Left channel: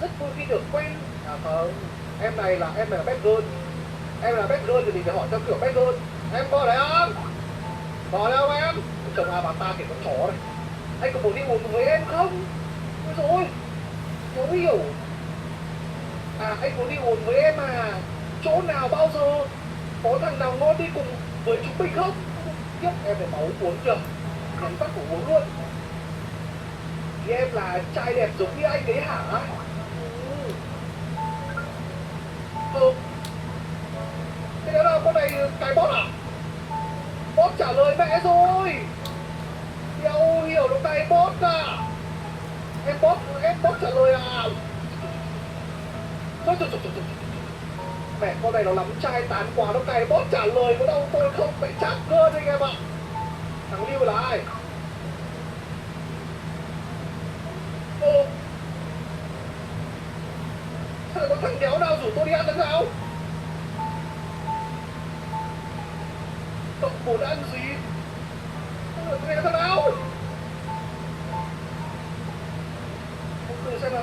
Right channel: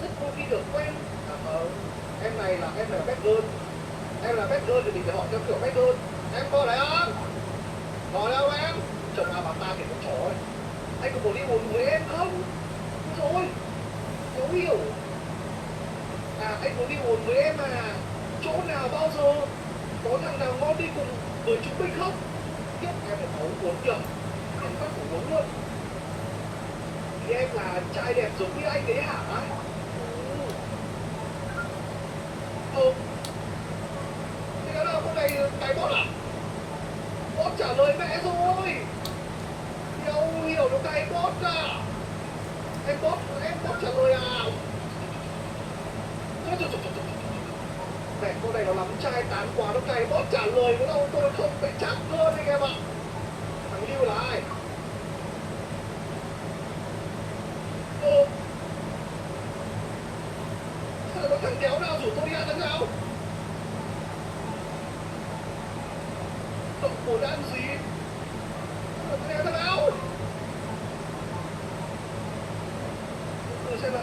rất vui khi được quen. Không, em này là bad girl. Em là bad girl thì mình phải hỏi theo kiểu bad girl. Em có đấy không? Có đâu em? Chồng nào bà ta kiểu con chó này. Anh có muốn đi một với em không? Ôi rồi, khó hiểu. Anh muốn đi một với em à? Chỗ nào bao giờ? Có thằng nào ngon đi cùng với chúng mình không? Kiếp em phải máu uống được. Em bắt phải uống luôn. Thì em là trai đẹp giống như anh đấy hả? Ừ. Thế đó là con này cái bot à? Bot trả lời mẹ rồi. Đâu hiểu nó cái bot à? Em bot trả lời à? Thôi. Mẹ con này nó lắm trai tán quá, nó cày bot trả lời có đâu, tôi không phải chắc cơ anh em ạ. Thằng Lưu là ai? Sao lại có thằng đéo nào rủ tôi đi ăn thằng nào? Cậu muốn ăn gì? Tôi đi ăn thằng nào? Từ xem nào.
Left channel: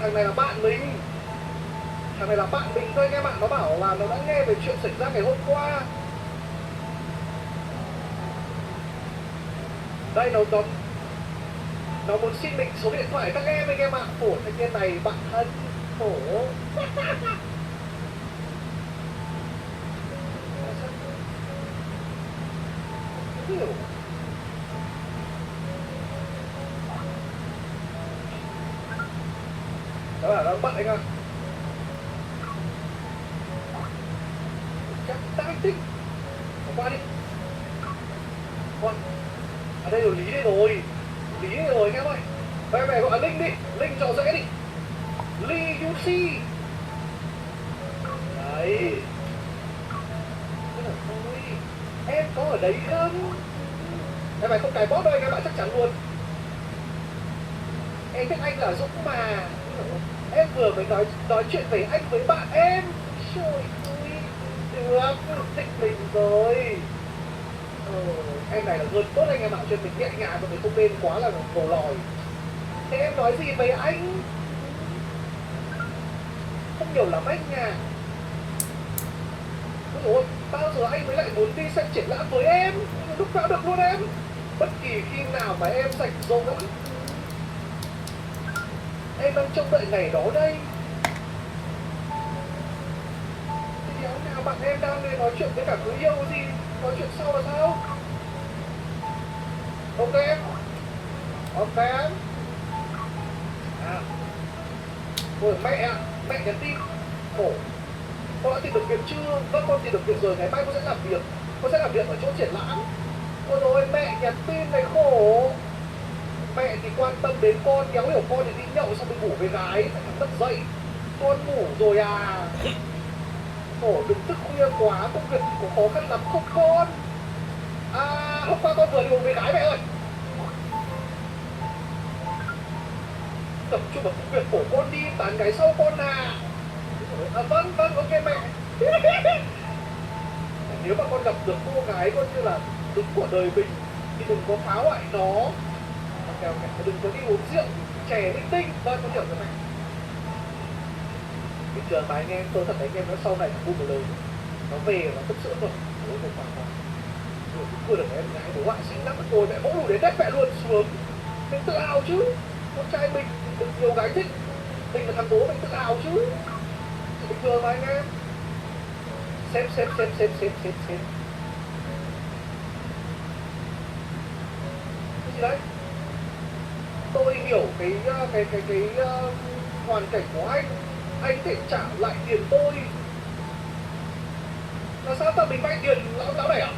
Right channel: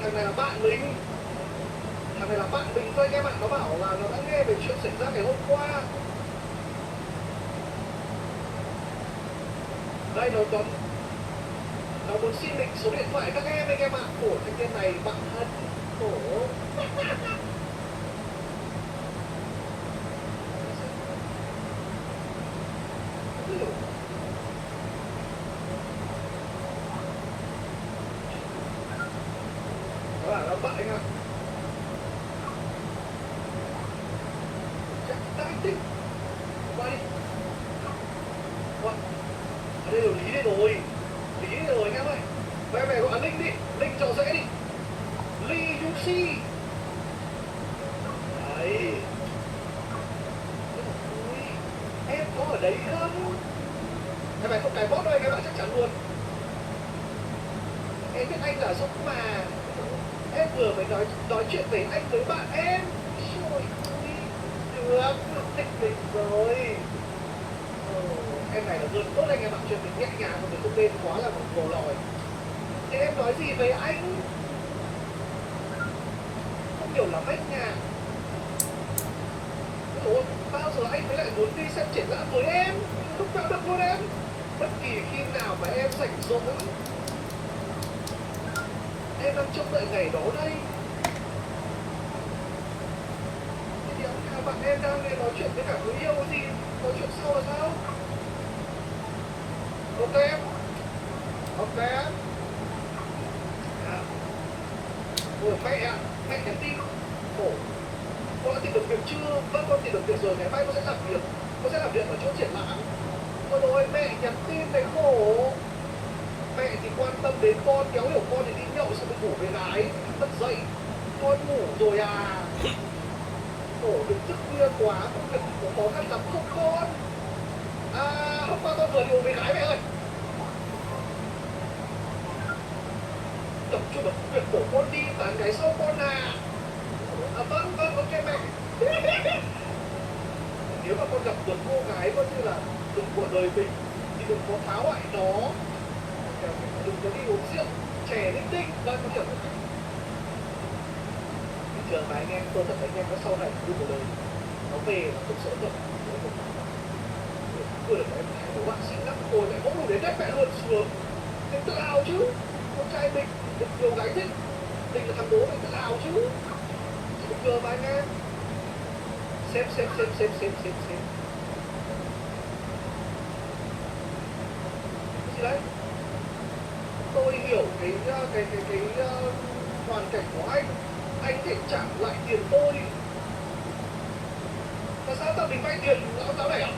Thằng này là bạn mình. Thằng này là bạn mình thôi anh em ạ. Nó bảo là nó đã nghe về chuyện xảy ra ngày hôm qua. Đây nó muốn xin mình số điện thoại các em anh em ạ. Khổ thanh niên này bạn thân. Khổ. Không hiểu. Đó là nó bạn anh ạ. Chắc anh thích. Qua đi. Qua. Ở đây rồi Lý đây rồi. Lý đây rồi anh em ơi. Em này gọi là Linh đi. Linh cho dễ đi. Ly Yushi. Đấy. Em có ở đấy không? Em này không cài bot đâu anh em ạ, chắc chắn luôn. Em biết anh là Dũng mà. Em vừa mới nói chuyện với anh với bạn em. Trời ơi. Được thích mình rồi. Em này là luôn tốt anh em ạ, chuyện mình nhẹ nhàng mà mình không nên quá là một bồ lòi. Thế em nói gì với anh? Không hiểu lắm anh à. Ủa, bao giờ anh mới lại muốn đi xem triển lãm với em? Lúc nào được luôn em. Bất kỳ khi nào mà em rảnh rỗi. Em đang trông đợi ngày đó đây. Thế đéo nào bạn em đang nói chuyện với cả người yêu gì? Nói chuyện sau là sao? Ok em. Ok em. Ôi mẹ nhắn tin. Khổ. Con đã tìm được việc chưa? Vâng, con tìm được việc rồi, ngày mai con sẽ làm việc. Con sẽ làm việc ở chỗ triển lãm. Ôi rồi mẹ nhắn tin này khổ. Mẹ thì quan tâm đến con, kéo hiểu con thì đi nhậu xong rồi ngủ với gái, mất dậy. Con ngủ rồi à? Khổ, đừng thức khuya quá, công việc có khó khăn lắm không con? Hôm qua con vừa ngủ với gái mẹ ơi. Tập trung vào công việc của con đi, tán gái sau con à? Vâng, ok mẹ. Nếu mà con gặp được cô gái coi như là đúng của đời mình thì đừng có phá hoại nó. Đừng có đi uống rượu, chè linh tinh. Đây con hiểu rồi mẹ. Bình thường mà anh em, tôi thật anh em nó sau này vui của đời. Nó về mà thực sự thật. Nó không phải là vừa được em gái để họa sĩ lắm. Ôi mẹ vỗ đủ đến nét mẹ luôn xuống. Mình tự hào chứ. Con trai mình được nhiều gái thích. Mình là thằng bố mình tự hào chứ. Bình thường mà anh em. Xem. Gì đấy? Tôi hiểu cái hoàn cảnh của anh có thể trả lại tiền tôi. Là sao tao mình vay tiền lão này à?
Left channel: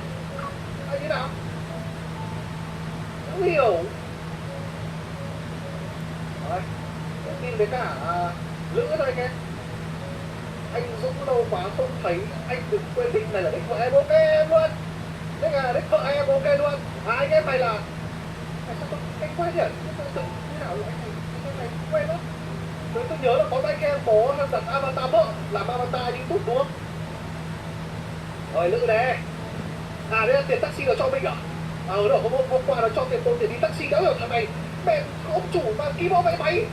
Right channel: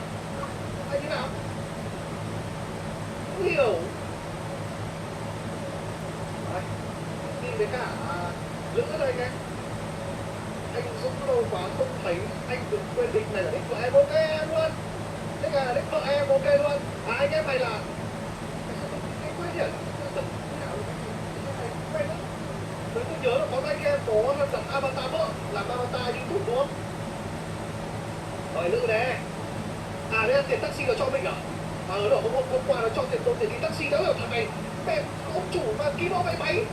Anh thế nào? Không hiểu. Đấy, tin với cả Lữ thôi anh em. Anh Dũng lâu quá không thấy, anh đừng quên đích này là đích vợ em ok em luôn. Đích là đích vợ em ok luôn. Anh em này là anh quên nhỉ? Thế nào được anh này quên đó. Tôi nhớ là có anh em có đặt avatar vợ, làm avatar YouTube đúng không? Rồi Lữ nè. Đây là tiền taxi là cho mình à? Đó, hôm qua nó cho tiền tôi để đi taxi đó rồi thằng này. Mẹ, ông chủ mà ký bao vậy mày?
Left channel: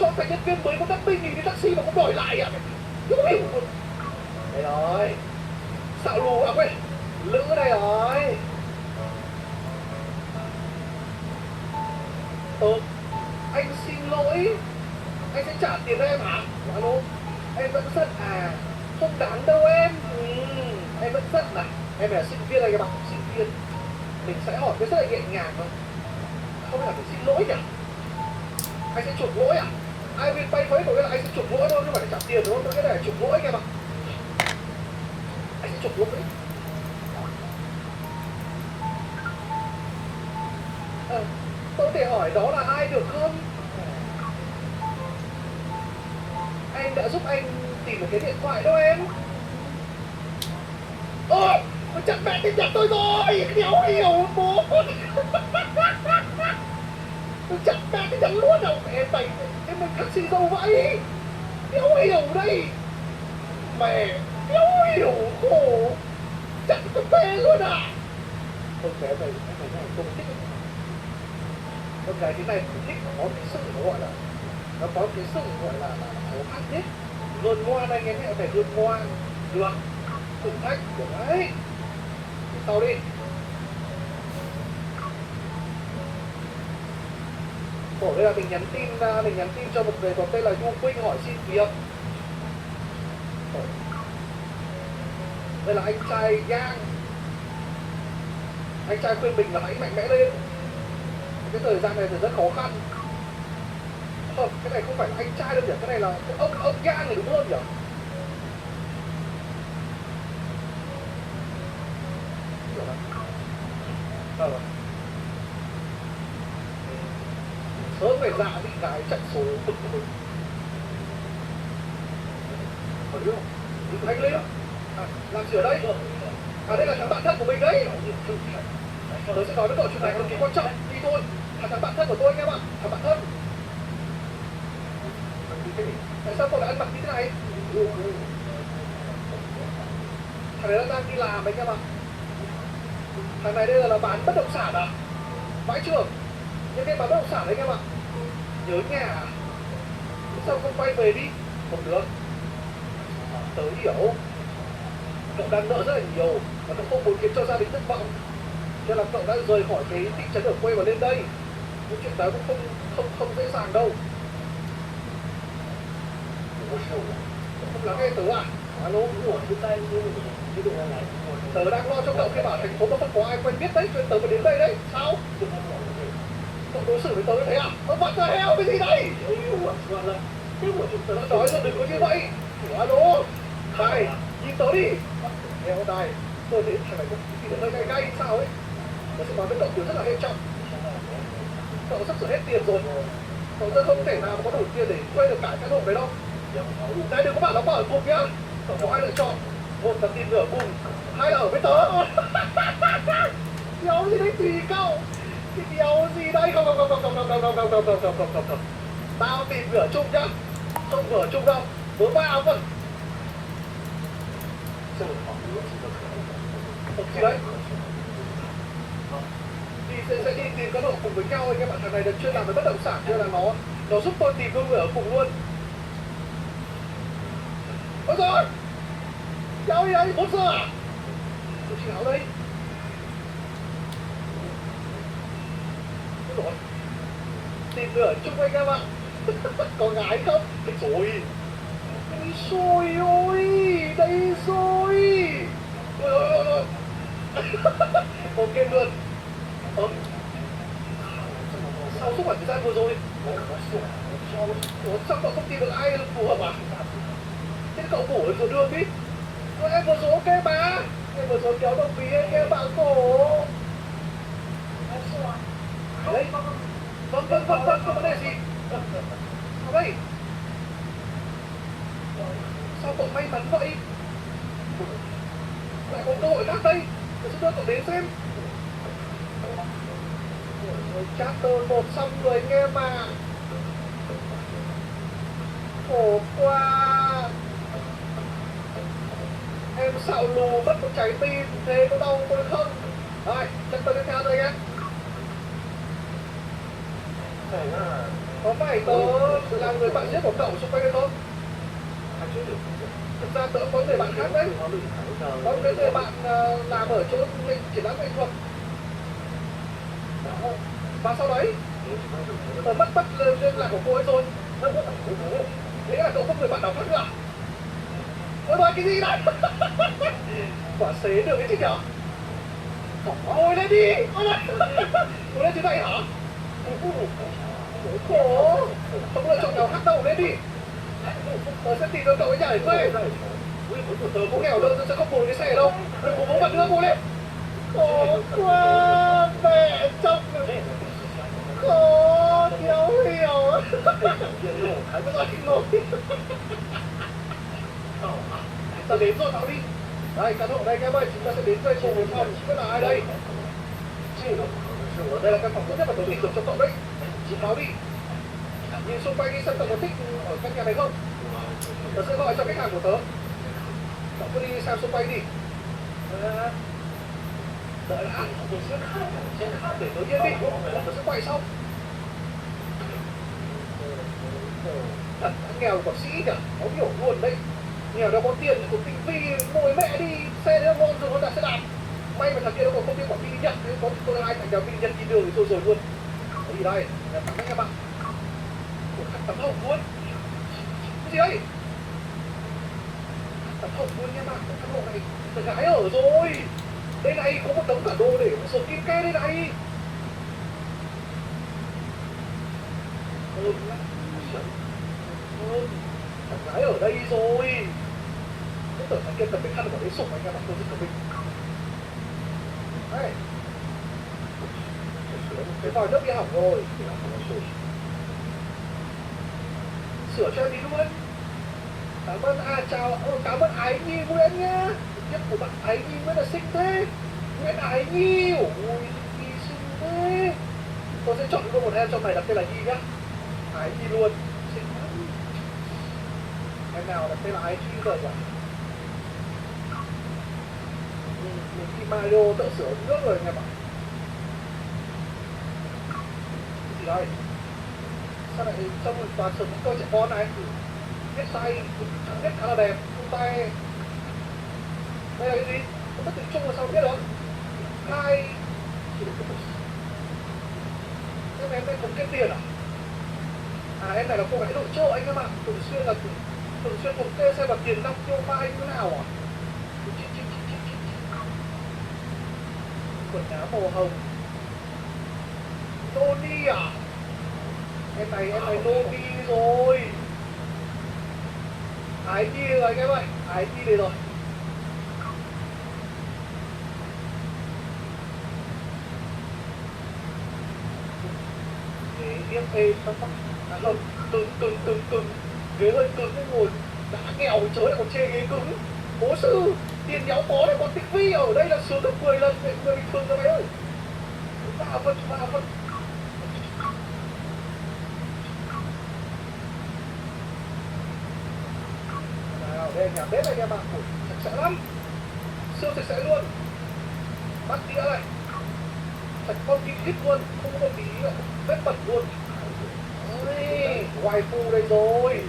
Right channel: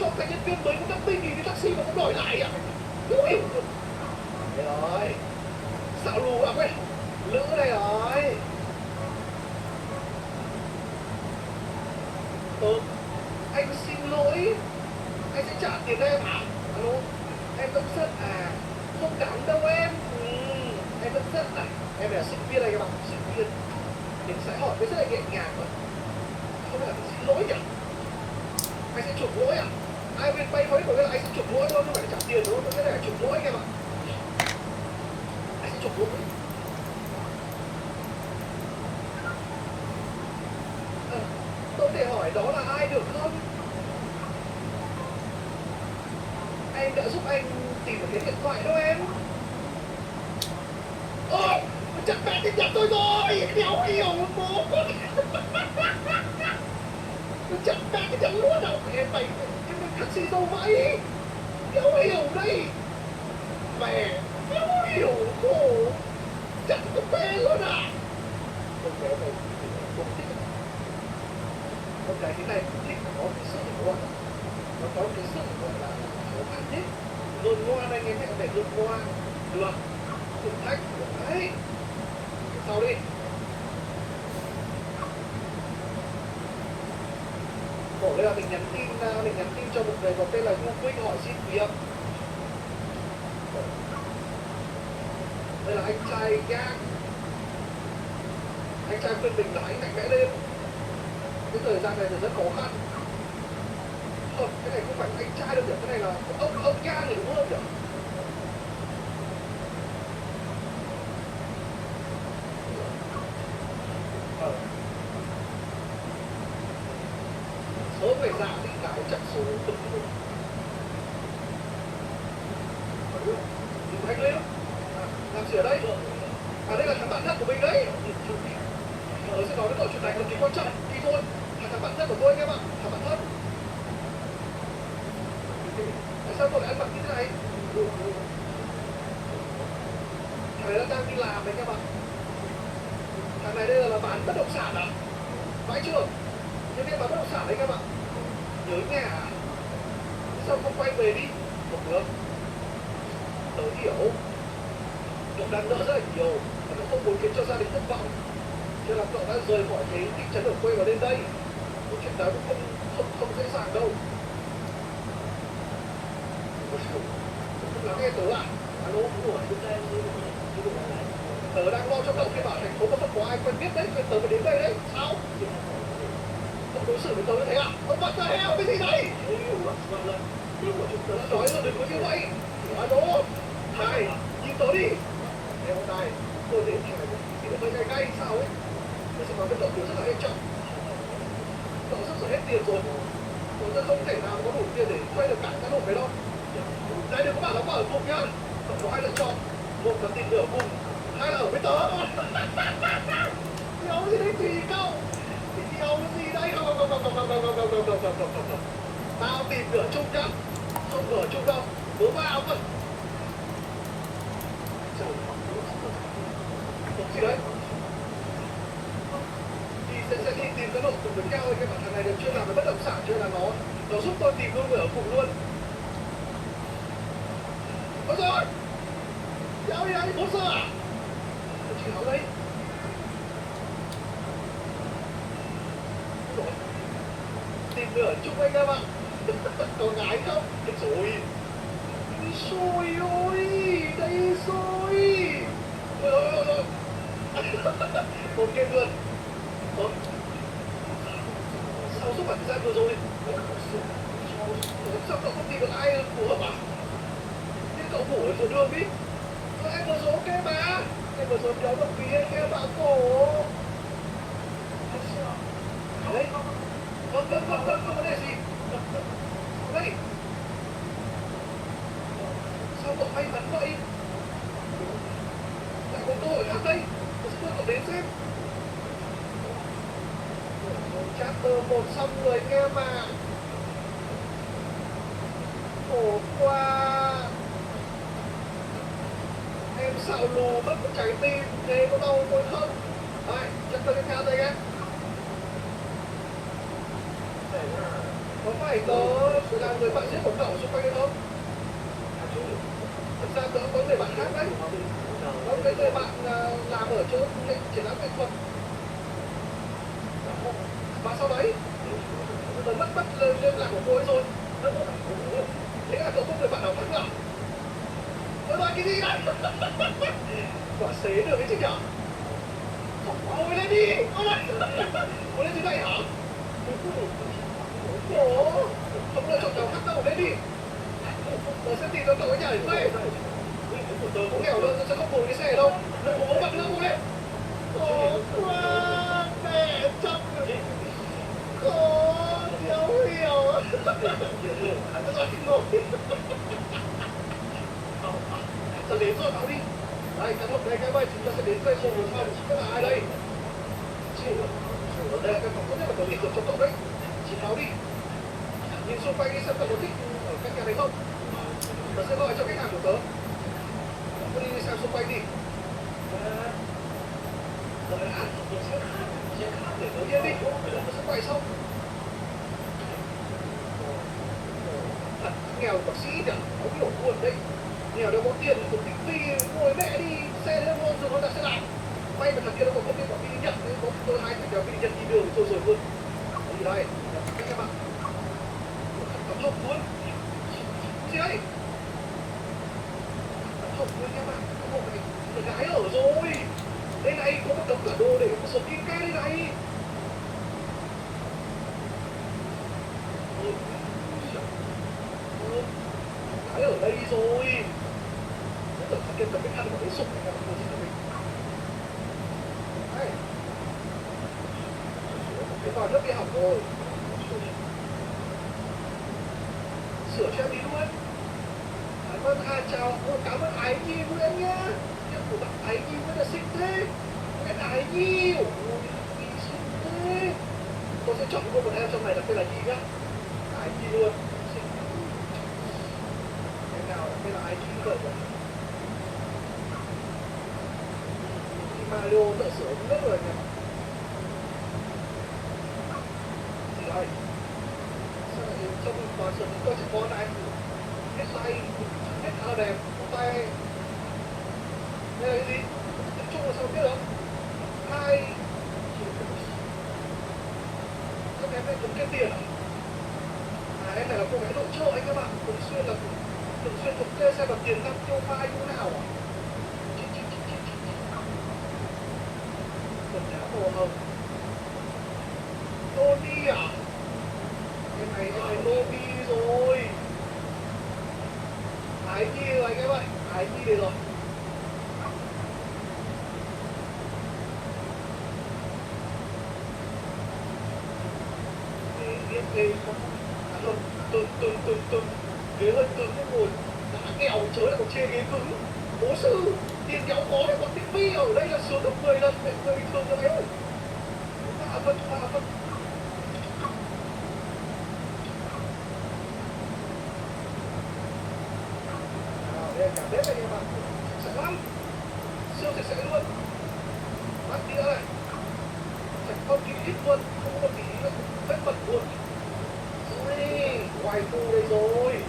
Cho cái nhân viên mới có 50.000 đi taxi mà không đòi lại à? Đúng hiểu luôn. Đây rồi. Xạo lù à quên. Lữ đây rồi. Anh xin lỗi. Anh sẽ trả tiền cho em hả? Alo. Em vẫn rất à. Không đáng đâu em. Em vẫn rất à. Em là sinh viên này các bạn. Sinh viên. Mình sẽ hỏi cái rất là nhẹ nhàng mà. Không phải là mình xin lỗi nhỉ? Anh sẽ chuộc lỗi à? Ai biết bay mấy có nghĩa là anh sẽ chuộc lỗi thôi, không phải trả tiền đúng không? Cái này là chuộc lỗi các bạn. Anh sẽ chuộc lỗi. Tôi thể hỏi đó là ai được không? Anh đã giúp anh tìm được cái điện thoại đó em. Ôi, chắc mẹ tin nhầm tôi rồi. Đéo hiểu bố. Chắc mẹ tin nhầm luôn đâu. Em mày, em mình taxi đâu vậy? Đéo hiểu đây. Mẹ, đéo hiểu khổ. Chắc tôi mẹ luôn à. Con bé mày không thích. Con gái thế này không thích, có cái sự gọi là nó có cái sự gọi là khó khăn hết. Luôn ngoan anh em phải luôn ngoan. Được, thử thách của đấy. Sau đi. Cổ đây là mình nhắn tin cho một người có tên là Du Quynh hỏi xin việc. Đây là anh trai gang. Anh trai khuyên mình là hãy mạnh mẽ lên. Cái thời gian này thì rất khó khăn. Không, cái này không phải anh trai đâu nhỉ, cái này là ông gang này đúng hơn nhỉ? Sớm người dạ bị cái chạy số cực rồi. Phải không? Đừng hành lên. Làm gì ở đây? Đây là thằng bạn thân của mình đấy. Tôi sẽ nói với cậu chuyện này cực kỳ quan trọng. Thì thôi, thằng bạn thân của tôi anh em ạ. Thằng bạn thân. Tại sao cậu lại ăn mặc như thế này? Thằng đấy đang đi làm đấy các bạn. Thằng này đây là bán bất động sản à? Phải chưa? Nhưng cái bán bất động sản đấy các bạn. Nhớ nhà à? Sao không quay về đi? Không được. Tớ hiểu. Cậu đang nợ rất là nhiều và cậu không muốn khiến cho gia đình thất vọng. Nên là cậu đã rời khỏi cái thị trấn ở quê và lên đây. Cái chuyện đó cũng không dễ dàng đâu. Không lắng nghe tớ à? Alo, tớ đang lo cho cậu khi bảo thành phố có có ai quen biết đấy, nên tớ phải đến đây đấy. Sao? Cậu đối xử với tớ như thế à? What the hell, cái gì đây? Tớ nói là đừng có như vậy. Alo, này, nhìn tớ đi. Em này, tôi thấy thằng này thì được hơi gay sao ấy. Tôi sẽ nói với cậu điều rất là hệ trọng. Cậu sắp sửa hết tiền rồi. Cậu không thể nào có đủ tiền để thuê được cả cái hộp đấy đâu. Đây đừng có bảo nó ở cùng nhá. Cậu có hai lựa chọn. Một là tiền ở cùng, hai là ở với tớ. Đéo gì đấy tùy cậu. Cái đéo gì đây? Không. Tao tìm cửa chung nhá. Không cửa chung đâu. Bố ba cơ. Không gì đấy. Thì sẽ đi tìm cái độ cùng với nhau anh em bạn. Thằng này được chuyên làm với bất động sản nên là nó giúp tôi tìm luôn người ở cùng luôn. Ôi giời ơi! Cháu đi đây, 4 giờ à? Tôi chéo đây. Ôi giời, tìm nửa chung anh em ạ. Có gái không? Đây rồi. Đây rồi ôi, đây rồi. Ôi. Ok luôn. Sao suốt khoảng thời gian vừa rồi? Sao cậu không tìm được ai phù hợp à? Thế cậu bổ được đường đi. Rồi em vừa rồi ok mà. Em vừa rồi kéo đồng phí anh em bạn cổ. Đấy. Vâng, vấn đề gì? Đây. Sao cậu may mắn vậy? Lại có cơ hội khác đây. Tôi sẽ đưa cậu đến xem. Chapter 1 xong rồi anh em à. Khổ quá. Em xạo lù mất một trái tim. Thế có đau tôi không? Rồi, chân tôi theo tôi nhé. Có phải tớ là người bạn giết của cậu xung quanh hay không? Thực ra tớ có người bạn khác đấy. Có cái người bạn làm ở chỗ triển lãm nghệ thuật. Và sau đấy tớ mất liên lạc của cô ấy rồi. Nghĩa là cậu không người bạn nào khác nữa. Tớ nói cái gì đấy? Quả xế được cái chứ nhở? Ngồi lên đi! Ngồi lên thế này hả? Khổ! Không lựa chọn nào khác đâu, lên đi! Tớ sẽ tìm cho cậu cái nhà để thuê. Tớ cũng nghèo đâu, tớ sẽ không ngồi cái xe đâu. Đừng có bố mặt nữa, ngồi lên! Khổ quá! Mẹ chồng! Khổ! Thiếu hiểu! Tớ nói ngồi! Tớ đến rồi, bảo đi! Đây, căn hộ đây em ơi, chúng ta sẽ đến thuê một phòng, chị biết là ai đây? Đây là căn phòng tốt nhất mà tớ tìm được cho cậu đấy. Chị nói đi. Nhìn xung quanh đi xem cậu có thích ở căn nhà này không? Tớ sẽ gọi cho khách hàng của tớ. Cậu cứ đi xem xung quanh đi. Đợi đã. Để tớ yên đi. Tớ sẽ quay sau. Thật nghèo của sĩ nhỉ? Nó hiểu luôn đấy. Nghèo đâu có tiền của Vinh Phi ngồi mẹ đi xe nữa ngon rồi ta sẽ làm. May mà thằng kia nó còn không biết bọn Vinh Nhật nên có tôi hai thằng nhà Vinh Nhật đi đường rồi luôn. Cái gì đây? Đẹp tặng các bạn. Khăn tấm hồng luôn. Cái gì đây? Tấm hồng luôn nha bạn. Tấm hồng này là gái ở rồi. Đây này có một tấm bản đồ để có số kim ke đây này. Gái ở đây rồi. Tôi tưởng thằng kia cầm cái khăn của đấy sụp anh em tôi rất là mình. Đấy. Cái vòi nước kia hỏng rồi. Sửa cho em đi luôn. Cảm ơn cảm ơn Ái Nhi Nguyễn nhá. Tiếp của bạn Ái Nhi Nguyễn là xinh thế. Nguyễn Ái Nhi. Ôi Nhi xinh thế. Tôi sẽ chọn cô một em trong này đặt tên là Nhi nhá. Ái Nhi luôn. Xinh. Em nào đặt tên là Ái Nhi rồi nhỉ? Mario tự sửa nước rồi anh em ạ. Gì đây? Sao lại trông toàn sửa những đôi trẻ con này? Cái tay, cái khá là đẹp, tay. Đây là cái gì? Tất tiếng Trung là sao biết được? Hai. Em đây cũng kiếm tiền à? À em này là cô gái nội trợ anh em ạ. Thường xuyên thống kê xem là tiền năng tiêu vai như thế nào à? Quần áo màu hồng. Noni à? Em này Noni rồi. Ái Nhi rồi anh em ơi. Ái Nhi đây rồi. Ghế ghế không cứng. Ghế hơi cứng nên ngồi đã nghèo chớ lại còn chê ghế cứng. Bố sư tiền kéo có lại còn tinh vi ở đây là sướng được 10 lần người bình thường rồi mày ơi. Vạ vật. Nào đây nhà bếp anh em ạ. Sạch sẽ lắm. Siêu sạch sẽ luôn. Bắt đĩa này. Sạch không kín ít luôn. Không có tí vết bẩn luôn. Waifu đây rồi.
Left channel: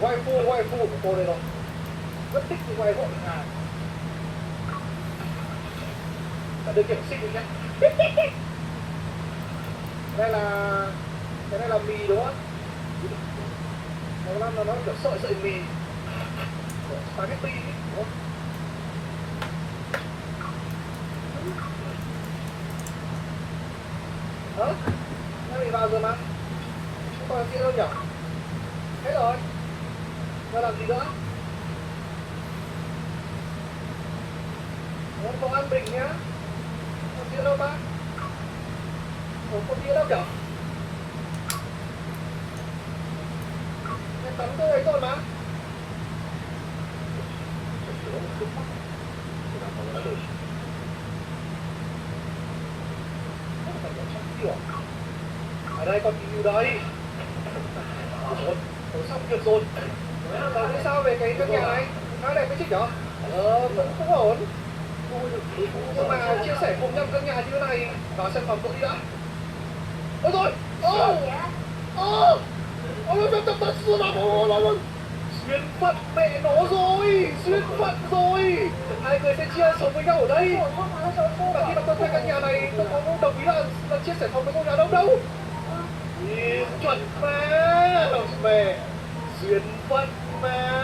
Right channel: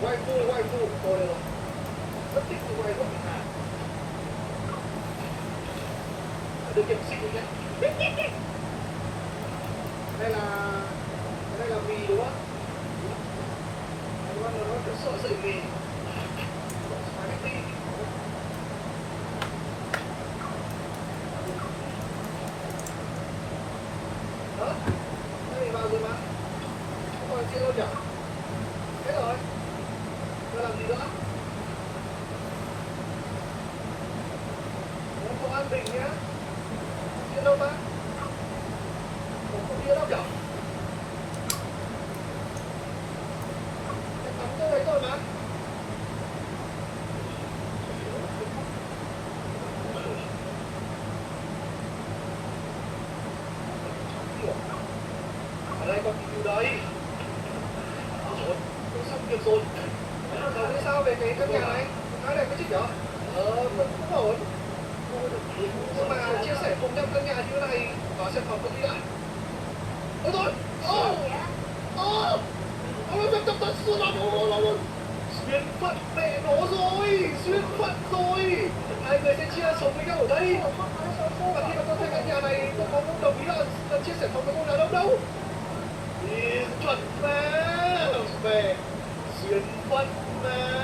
Waifu của tôi đây rồi. Rất thích cái waifu của Hàn. Điều kiện xinh rồi nhé. Cái này là mì đúng không? Nó kiểu sợi mì. Spaghetti đúng không? Đó. Nó mì vào rồi mà. Không còn chuyện đâu nhỉ? Hết rồi. Nó làm gì nữa? Không ăn bình nhá. Không biết đâu ta. Không biết đâu kìa. Cái tắm tôi ấy rồi mà. Ở đây còn gì đây? Tôi xong việc rồi. Nói sao về cái căn nhà này? Nói đẹp cái chứ nhở? Tôi cũng ổn. Nhưng mà chia sẻ cùng nhau căn nhà như thế này vào xem phòng cậu đi đã. Ôi thôi, duyên phận mẹ nó rồi, duyên phận rồi. Hai người sẽ chia sống với nhau ở đây. Và khi mà tôi thuê căn nhà này, tôi có đồng ý là chia sẻ phòng với cô nào đâu đâu. Chuẩn mà, mẹ duyên phận mà.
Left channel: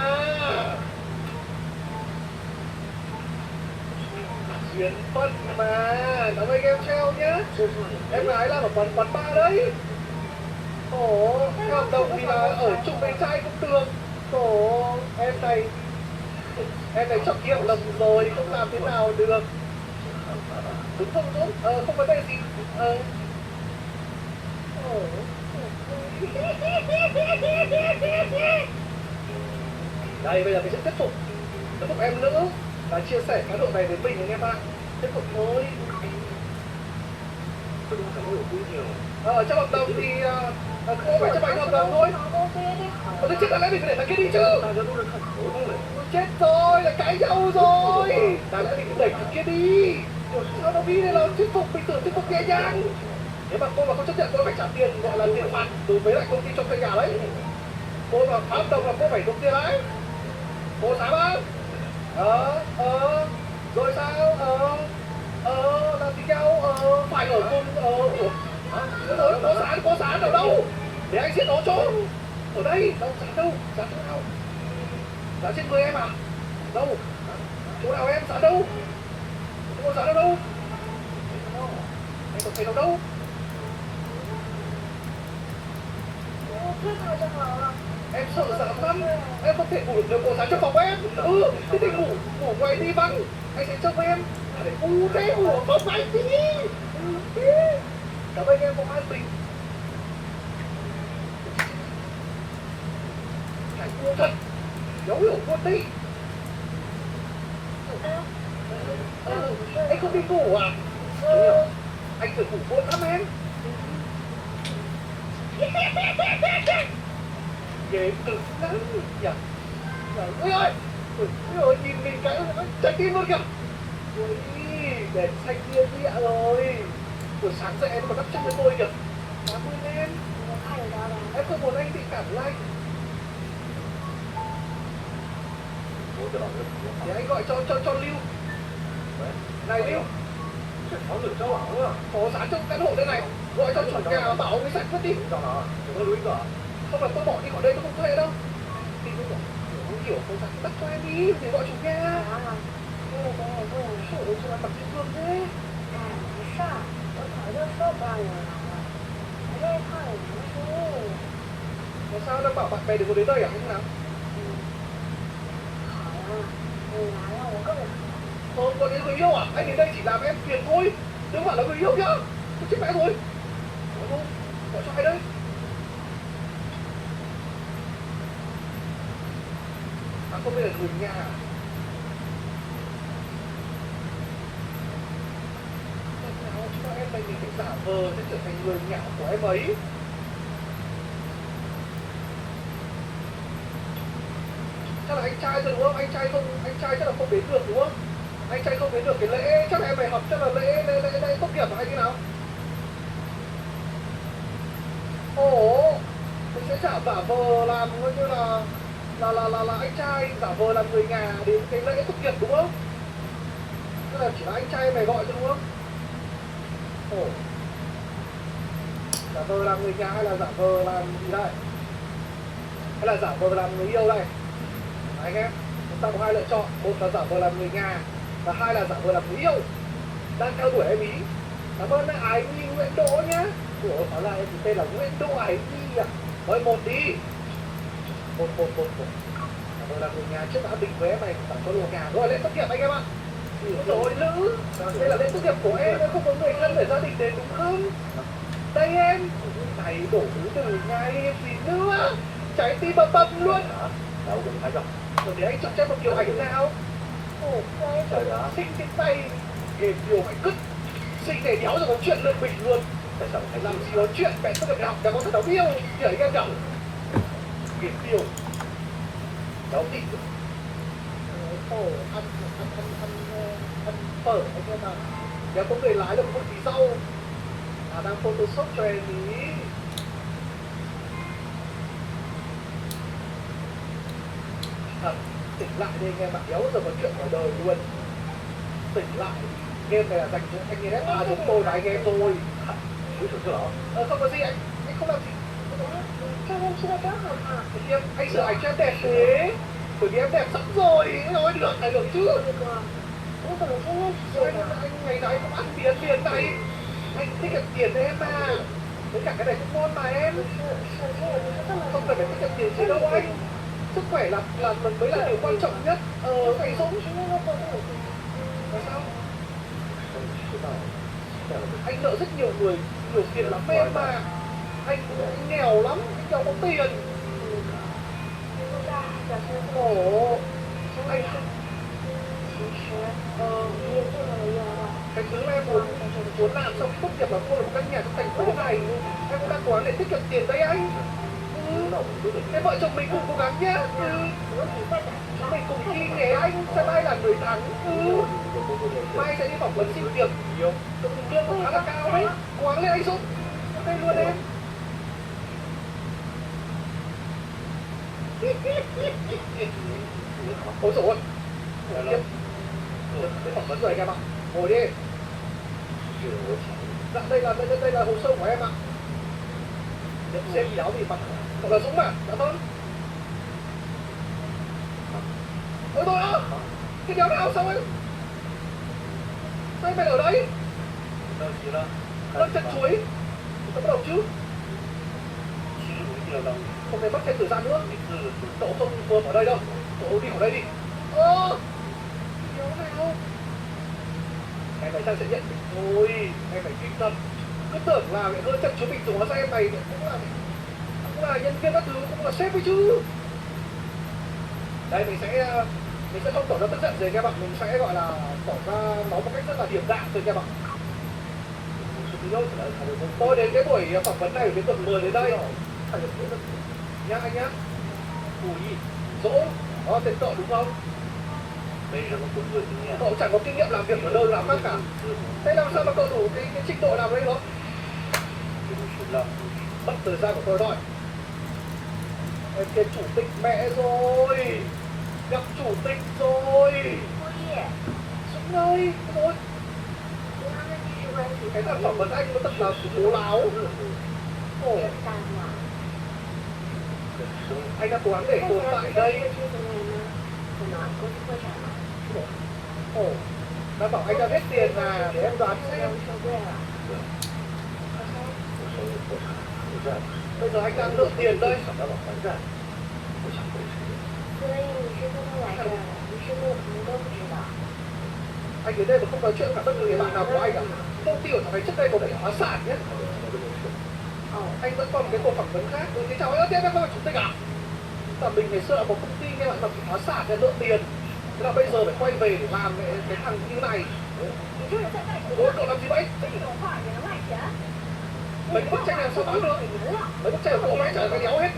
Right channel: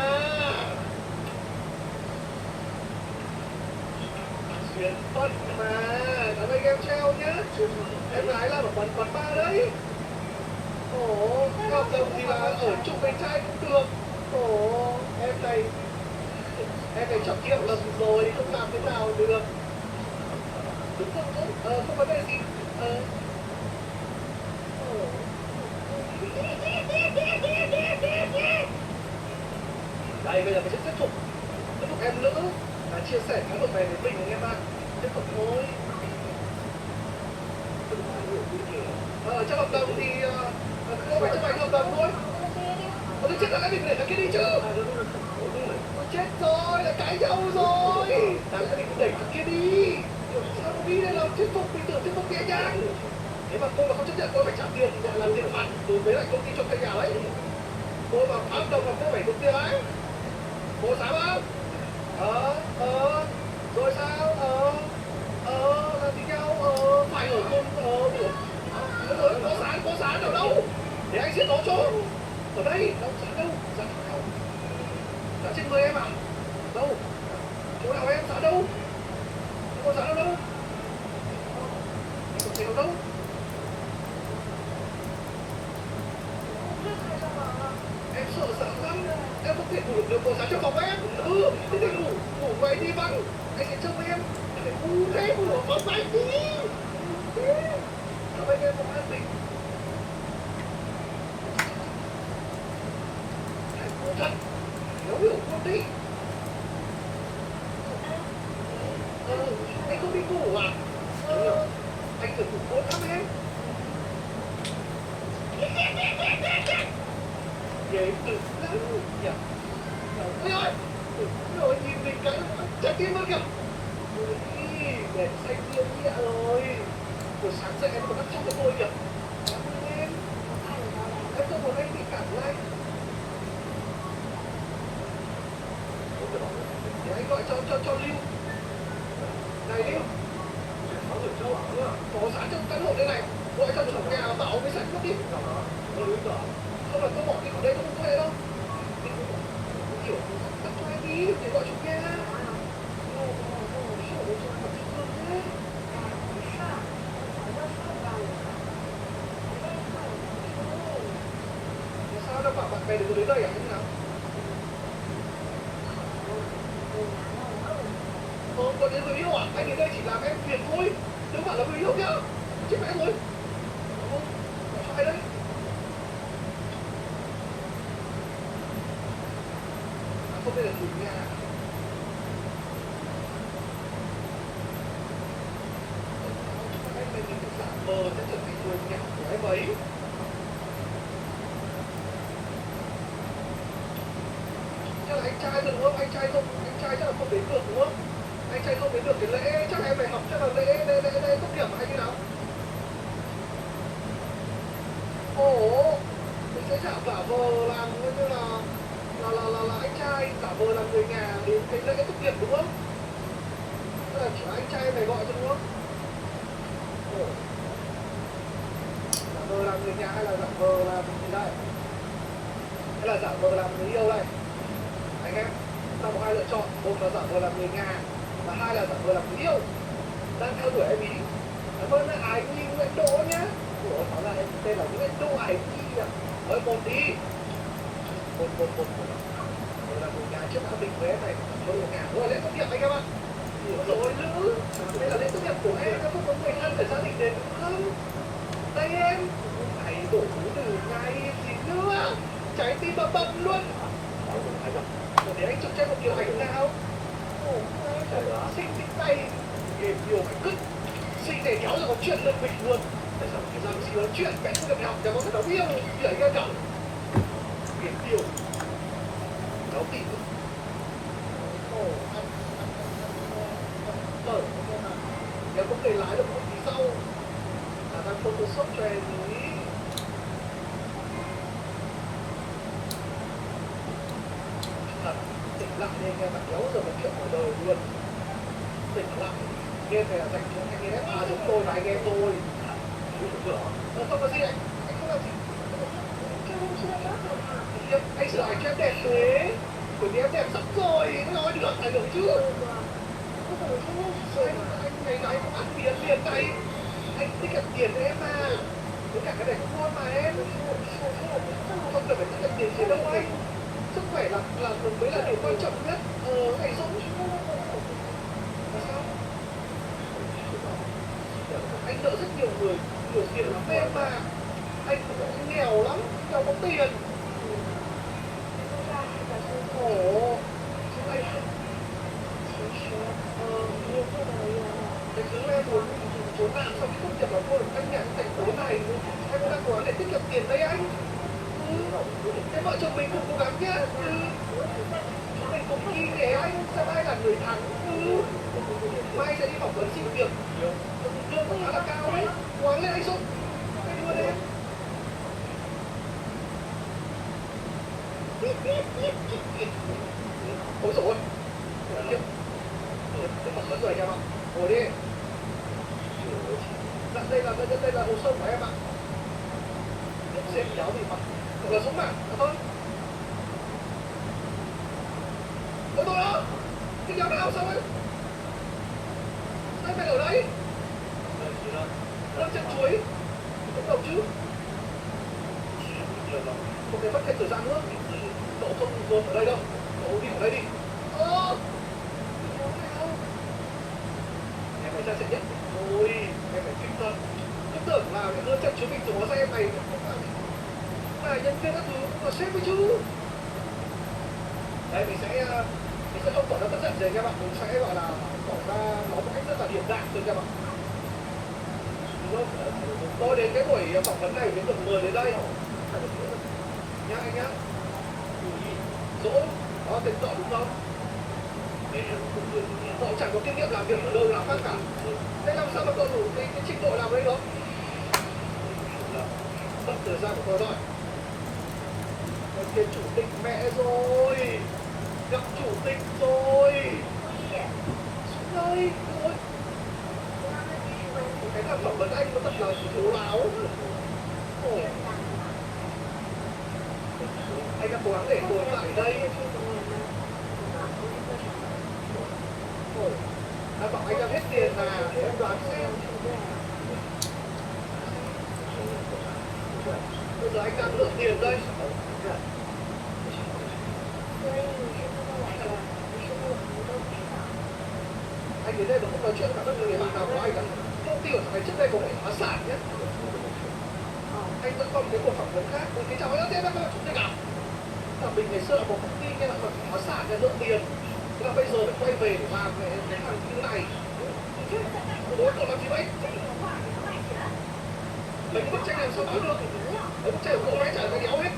Duyên phận mà. Cảm ơn em treo nhá. Em gái làm ở quán bar đấy. Ồ, hợp đồng thì là ở chung với trai cũng được. Ồ, em này chọn nghiệm lầm rồi, không làm thế nào được. Đúng không đúng? Không vấn đề gì. Đây, bây giờ mình sẽ tiếp tục em nữa và chia sẻ cái độ này với mình anh em ạ. Tiếp tục thôi. Trong hợp đồng thì không phải chấp hành hợp đồng thôi. Tôi chết là mình phải để thằng kia đi chứ. Chết rồi, là cãi nhau rồi. Đáng lẽ mình phải đẩy thằng kia đi. Sao nó đi đây là thuyết phục, mình tưởng thuyết phục nhẹ nhàng. Nếu mà cô mà không chấp nhận cô phải trả tiền gọi là tiền phạt đối với lại công ty cho thuê nhà đấy. Cô mà phá hợp đồng là cô phải nộp tiền đấy. Cô dám không? Rồi sao? Làm gì nhau? Phải ở cùng có sán ở đâu? Để anh giết nó cho. Ở đây, đâu, sán đâu? Sán trên người em à? Đâu? Chỗ nào em sán đâu? Không có sán ở đâu? Em không thấy đâu đâu? Em sợ sán lắm. Em không thể ngủ được nếu có sán trong phòng em. Cứ thể ngủ quay đi văng. Anh sẽ trông em. Thế ngủ có phải tí. Cảm ơn em không ai bình. Hãy mua thật. Nhớ hiểu luôn đi. Anh không đi ngủ à? Anh phải ngủ muộn lắm em. Ghê cực lắm nhỉ. Ôi ơi. Rồi nhìn mình cái trái tim luôn kìa. Ôi, đèn xanh nhiên nhẹ rồi. Buổi sáng dậy em còn đắp chân với tôi kìa. Cảm ơn em. Em không muốn anh bị cảm lạnh. Thì anh gọi cho Lưu. Này Lưu. Có sán trong căn hộ đây này. Gọi cho chủ nhà bảo ông ấy sạch mất đi. Không là tôi bỏ đi khỏi đây tôi không thuê đâu. Kiểu không phải tắt cho em đi để gọi chủ nhà. Ôi sao mặt chị thương thế. Tại sao đang bảo bạn bè đừng có đến đây à? Không nào? Còn đến người yêu à? Anh đến đây chỉ làm em phiền thôi. Đừng bảo là người yêu nhá. Chết mẹ rồi. Đúng không? Gọi cho ai đây? À không, đây là người nhà. Em mình phải giả vờ để trở thành người nhà của em ấy. Chắc là anh trai rồi đúng không? Anh trai chắc là không đến được đúng không? Anh trai không đến được cái lễ, chắc là em phải học, chắc là lễ tốt nghiệp hay như nào? Ồ, mình sẽ giả vờ làm như là anh trai, giả vờ làm người nhà đến cái lễ tốt nghiệp đúng không? Tức là chỉ là anh trai mày gọi cho đúng không? Ồ, giả vờ làm người nhà hay là giả vờ làm gì đây? Hay là giả vờ làm người yêu đây? Anh em, chúng ta có hai lựa chọn, một là giả vờ làm người nhà và hai là giả vờ làm người yêu đang theo đuổi em ý. Cảm ơn Ái Nhi Nguyễn Đỗ nhá. Ủa, phải là em tên là Nguyễn Đỗ Ái Nhi à? Thôi một đi. Một là người nhà trước đã bình với em này phải có đồ nhà. Rồi lên tốt nghiệp anh em ạ. Rồi nữ, đây là lên tốt nghiệp của em không có người thân để gia đình đến đúng không? Đây em, này đổ từ ngày gì nữa? Trái tim bầm luôn. Đâu cũng thấy rồi. Rồi để anh chụp cho một kiểu ảnh nào. Ồ, trời ơi, xinh cái tay. Để điều phải cứt. Xinh để đéo rồi có chuyện lên mình luôn. Tại sao phải làm gì có chuyện mẹ không được học, chẳng có thật đấu yêu. Thì anh em nhậu. Biển điều. Đấu tỉ. Ồ, ăn phở anh em ạ. Nếu có người lái được một tí sau đang photoshop cho em ý. Thật, tỉnh lại đi anh em ạ, đéo giờ mà chuyện ngoài đời luôn. Tỉnh lại, game này là dành cho anh em giống tôi và anh em tôi. Không có gì anh không làm gì. Anh sửa ảnh cho em đẹp thế. Bởi vì em đẹp sẵn rồi, nói được, ảnh hưởng chứ. Anh ngày nào anh cũng ăn tiền này. Anh tiết kiệm tiền cho em mà. Với cả cái này cũng ngon mà em. Không cần phải tiết kiệm tiền gì đâu anh. Sức khỏe là mới là điều quan trọng nhất. Phải sống. Tại sao? Anh nợ rất nhiều người tiền lắm em mà. Anh nghèo lắm, anh đâu có tiền. Ồ, anh cái thứ em muốn làm xong tốt nghiệp là mua được căn nhà trong thành phố này. Em cũng đang cố gắng để tiết kiệm tiền đấy anh. Cái vợ chồng mình cùng cố gắng nhá. Chúng mình cùng đi nhé anh, sẽ mai là người thắng. Mai sẽ đi phỏng vấn xin việc. Lương cũng khá là cao đấy. Cố gắng lên anh Dũng. Đây luôn em. Ôi dồi ôi. Cái phỏng vấn rồi anh em ạ. Ngồi đi. Dạ, đây là hồ sơ của em ạ. Xem kéo gì mà. Thật là Dũng mà. Dạ vâng. Ôi tôi ơi. Cái đéo nào sao em? Sao em phải ở đây? Đơn chân chuối. Bắt đầu chứ. Không thể mất thêm thời gian nữa. Cậu không gồm ở đây đâu. Cậu đi ở đây đi. Đéo nào. Em phải ra sẽ nhận thôi. Em phải kinh tâm. Cứ tưởng là hơn trăm chú mình dùng hóa ra em này cũng là nhân viên các thứ, cũng là sếp ấy chứ. Đây mình sẽ không tỏ ra bất giận gì các bạn, mình sẽ gọi là tỏ ra nó một cách rất là điềm đạm thôi các bạn. Tôi đến cái buổi phỏng vấn này đến được 10 đến đây nhá anh nhá. Dũng, đó tên cậu đúng không? Cậu chẳng có kinh nghiệm làm việc ở đâu làm khác cả. Thế làm sao mà cậu đủ cái trình độ làm đấy đó? Mất thời gian của tôi thôi. Cái chủ tịch mẹ rồi. Gặp chủ tịch rồi. Dũng ơi, thôi. Cái thằng phỏng vấn anh nó thật là bố láo. Anh đã cố gắng để tồn tại đây. Đã bảo anh đã hết tiền mà, để em đoán xem. Bây giờ anh đang lượng tiền đây. Anh đến đây mà không nói chuyện cả bất cứ người bạn nào của anh à? Công ty của thằng này trước đây có phải phá sản nhé. Anh vẫn còn cái cuộc phỏng vấn khác. Cái cháu ấy, thế em là chủ tịch à? Là mình ngày xưa là một công ty nghe lại mà bị phá sản để lượng tiền. Thế là bây giờ phải quay về để làm cái thằng như này. Ủa, cậu làm gì vậy? Mấy cái bức tranh làm sao nói được? Mấy bức tranh của cậu vẽ chả cái đéo hết.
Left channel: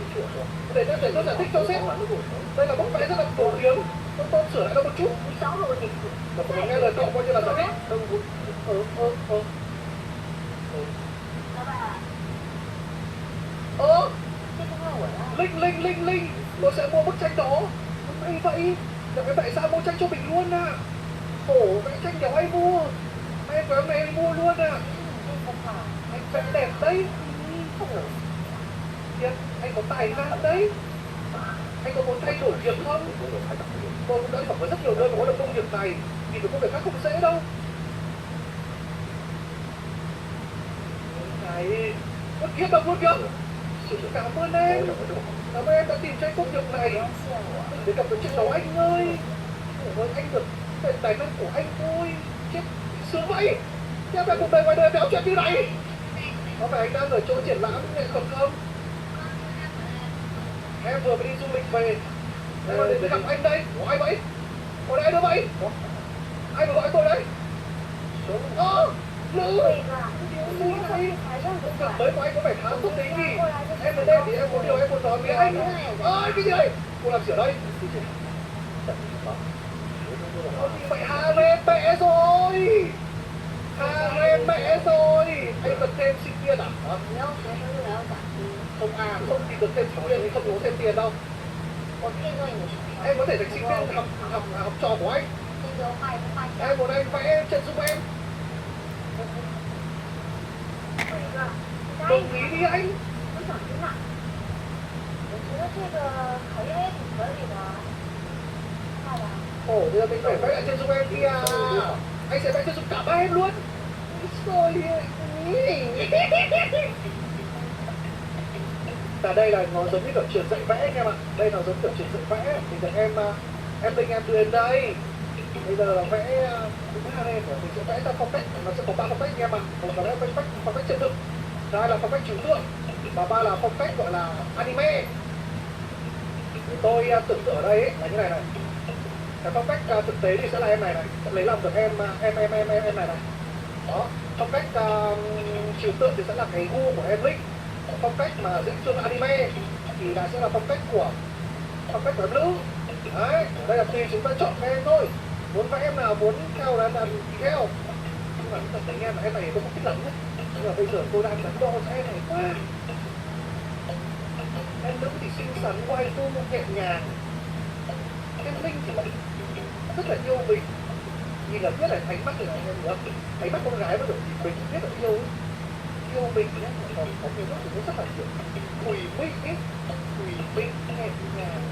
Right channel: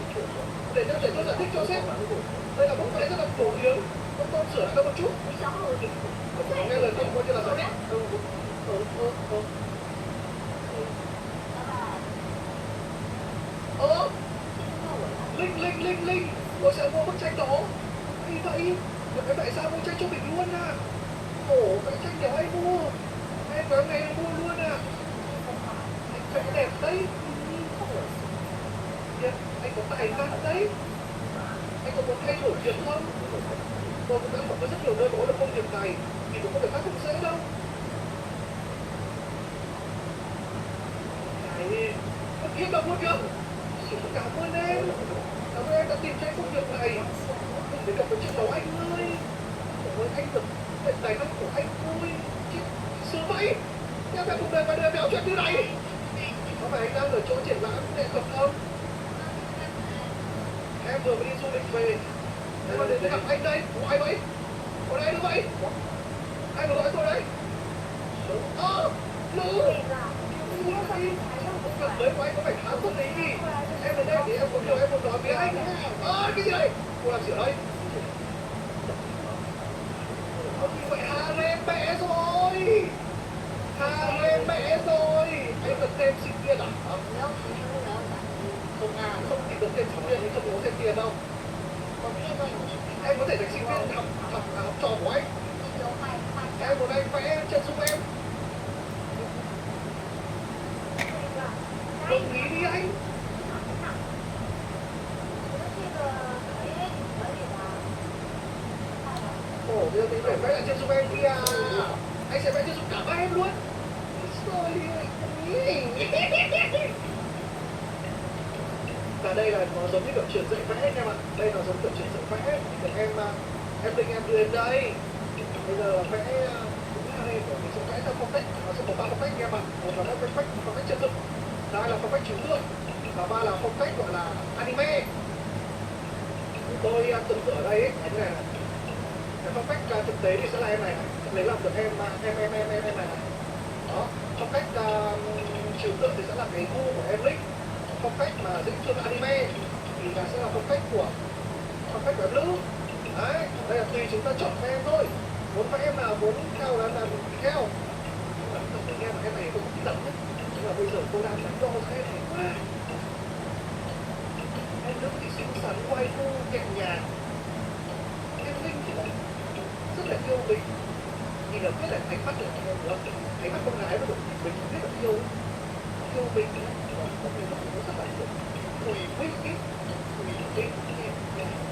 Để tôi giải thích cho sếp. Đây là bức vẽ rất là phổ biến. Tôi sửa lại đâu một chút. Mà tôi nghe lời cậu coi như là giải thích. Linh, tôi sẽ mua bức tranh đó. Vậy, tại sao mua tranh cho mình luôn à? Khổ, vẽ tranh để ai mua? Em có ngày em mua luôn à? Anh vẽ đẹp đấy. Anh có tài năng đấy. Anh có muốn thay đổi việc không? Tôi cũng đã phỏng vấn rất nhiều nơi có được công việc này. Thì được công việc khác không dễ đâu. Này, con kiếm đâu luôn kìa. Cảm ơn em. Cảm ơn em đã tìm cho anh công việc này. Để gặp được chiếc đầu anh ơi. Ôi anh được tài năng của anh thôi. Chết sướng vậy. Em phải cuộc đời ngoài đời béo chuyện như này. Có phải anh đang ở chỗ triển lãm nghệ thuật không? Em vừa mới đi du lịch về. Em mà đến gặp anh đây. Của ai vậy? Còn ai nữa vậy? Ai vừa gọi tôi đấy? Nữ. Mới của anh có phải thám thuốc đấy nhỉ? Em đến đây thì em có điều em muốn nói với anh. Cái gì đây? Cô làm gì ở đây? Ông vậy Harem mẹ rồi. Harem mẹ rồi. Anh cần thêm sinh viên à? Không à, không thì được thêm sinh viên thì không có thêm tiền đâu. Em có thể được sinh viên học trò của anh. Em muốn anh vẽ chân giúp em. Đồng ý đi anh. Ồ, bây giờ mình phải vẽ lại chân giúp em kia. Anh sẽ vẽ chân giúp cả ba em luôn. Rồi. Và đây là nó giống như kiểu trường dạy vẽ anh em ạ. Đây là giống kiểu trường dạy vẽ. Thì được em định em đưa đến đây. Bây giờ vẽ đúng là đây mình sẽ vẽ theo phong cách, nó sẽ có 3 phong cách anh em ạ. Một là phong cách chân thực, hai là phong cách chiếu tượng, và ba là phong cách gọi là anime. Thì tôi tưởng tượng ở đây ấy, là như này này. Cái phong cách thực tế thì sẽ là em này này, sẽ lấy làm được em này này. Đó, phong cách chiếu tượng thì sẽ là cái gu của em Linh. Phong cách mà diễn chương anime thì là sẽ là phong cách của em nữ. Đấy, đây là tùy chúng ta chọn các em thôi. Muốn các em nào muốn theo là làm theo. Nhưng mà không thấy nghe là em này không thích lắm. Nhưng mà bây giờ tôi đang đắn đo cho em này quá. Em nữ thì xinh xắn, quay cô nhẹ nhàng. Em Linh thì lại rất là yêu mình. Nhìn là biết là ánh mắt của anh em được. Ánh mắt con gái mà được mình biết là yêu mình nhé. Có nhiều lúc thì nó rất là kiểu tùy minh ấy. Tùy minh nhẹ nhàng.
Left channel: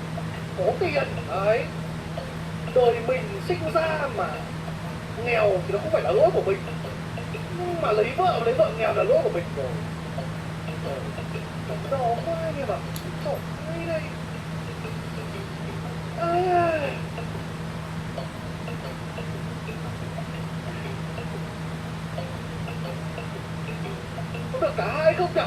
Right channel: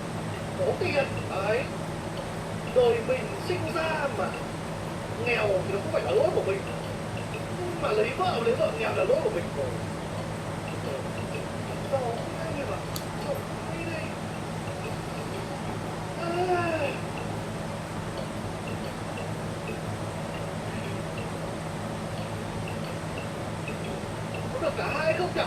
Có tiền đấy. Đời mình sinh ra mà nghèo thì nó không phải là lỗi của mình, nhưng mà lấy vợ nghèo là lỗi của mình rồi. Rõ quá nhưng mà trời ơi đây có được cả hai không nhỉ?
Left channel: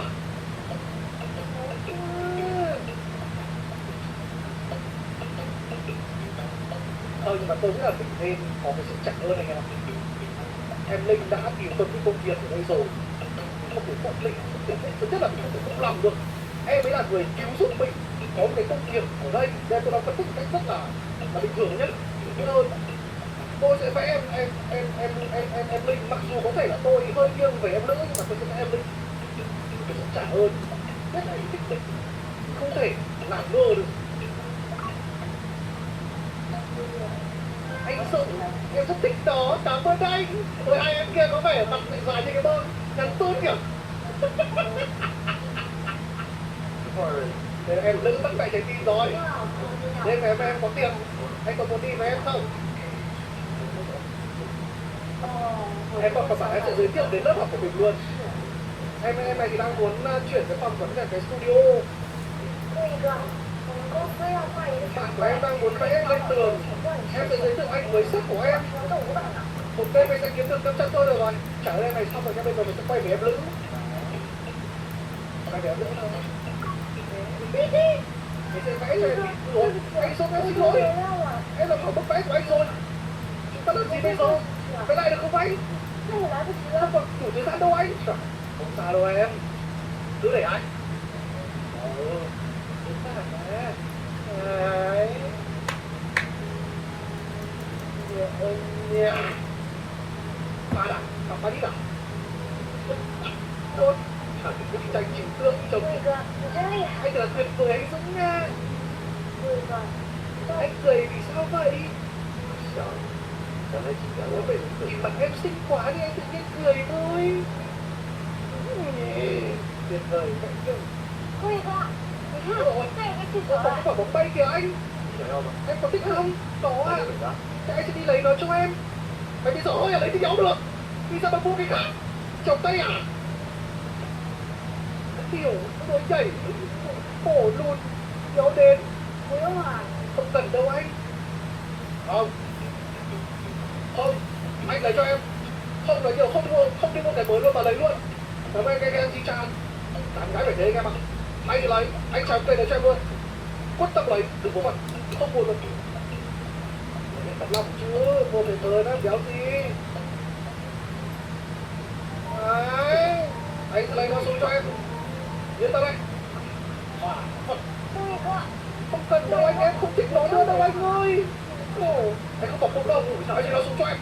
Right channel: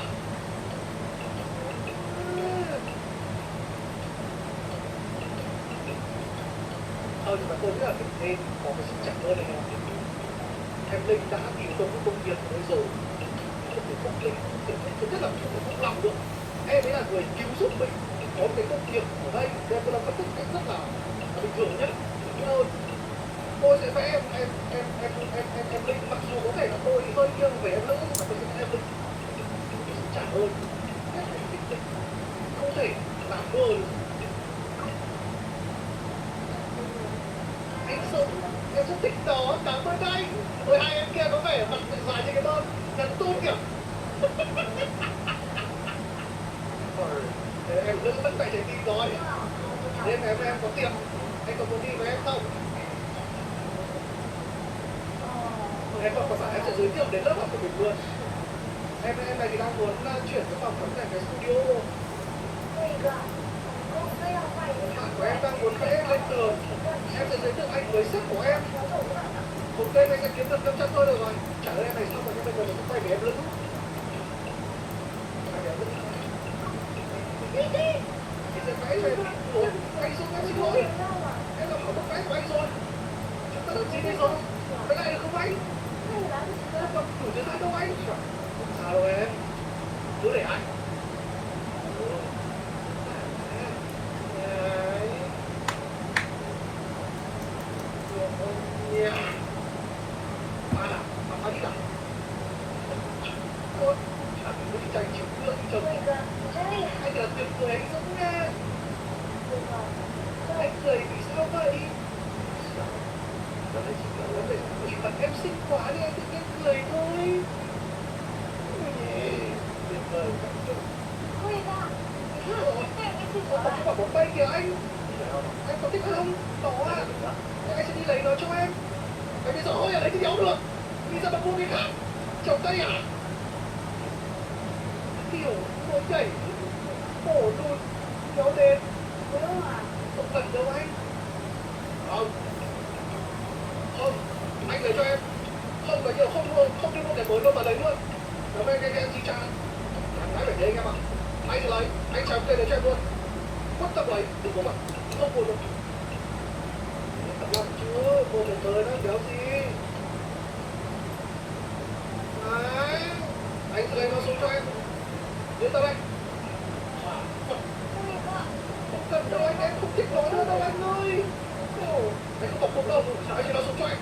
Nhưng mà tôi nghĩ là mình nên có cái sự chặt hơn anh em ạ. Em Linh đã kỳ tuân với công việc ở đây rồi, không thể phụ mình, thứ nhất là mình không thể phụ lòng được. Em ấy là người cứu giúp mình có một cái công việc ở đây, nên tôi đang phân tích cách rất là bình thường nhất, hơn. Tôi sẽ vẽ em Linh, mặc dù có thể là tôi hơi nghiêng về em nữ, nhưng mà tôi sẽ vẽ em Linh cái sự trả ơn, rất là bình tĩnh, không thể làm ngơ được. Anh Sự, em rất thích đó, cảm ơn anh. Với hai em kia có vẻ mặt dài như cái bơm, ngắn tôn kìa. Rồi, em lưng bắt mẹ trái tim rồi. Đêm ngày em có tiền, anh có muốn đi với em không? Em còn bảo em sẽ giới thiệu đến lớp học của mình luôn. Em này thì đang muốn chuyển cái phòng vấn đề cái studio. Bạn của em đang muốn vẽ lên tường. Em sẽ giới thiệu anh với sếp của em. Một đêm anh sẽ kiếm được 500 thôi được rồi. Trả lời này xong rồi nha, bây giờ mình sẽ quay về em Lữ. Quay về em Lữ thôi. Mình sẽ vẽ cho em. Ủa, anh Xuân em xin lỗi. Em là khỏi bức vẽ của anh rồi. Chúng ta làm gì bây giờ? Vẽ lại được không anh? Không còn đủ thời gian đâu anh. Không sao đâu em. Cứ để anh. Ba nào, ba đi nào. Tốt, cả cái bức tranh chịu tượng chồng. Anh là tuyệt vời, anh giống nha. Anh cười vì sao vậy? Trời ơi, chỉ kéo về bởi mặt em xinh quá đi, anh tự nhiên cười thôi. Tuyệt vời, cảm ơn. Có cái quả bóng bay kìa anh. Em có thích không? Có à. Thế anh sẽ đi lấy nó cho em. Vậy bây giờ ôi là lấy thì nhau được. Bây giờ mà mua cái khác. Chồng tay à? Kiểu nó nhảy. Khổ luôn. Kéo đến. Không cần đâu anh. Không. Không. Anh lấy cho em. Không lấy nhiều, không đi mua cái mới luôn mà lấy luôn. Cảm ơn em chi trả. Anh gái phải thế anh em ạ. Anh thì lấy, anh chào cây đấy cho em luôn. Quất tâm lấy, đừng có mặt. Không buồn luôn. Thật lòng chưa, vô thể thời đó, béo gì. Đấy. Anh sẽ lấy nó xuống cho em. Đến tao đây. Không cần đâu anh, em không thích nói nữa đâu anh ơi. Anh không bọc bụng đâu, anh chỉ nói xuống cho em.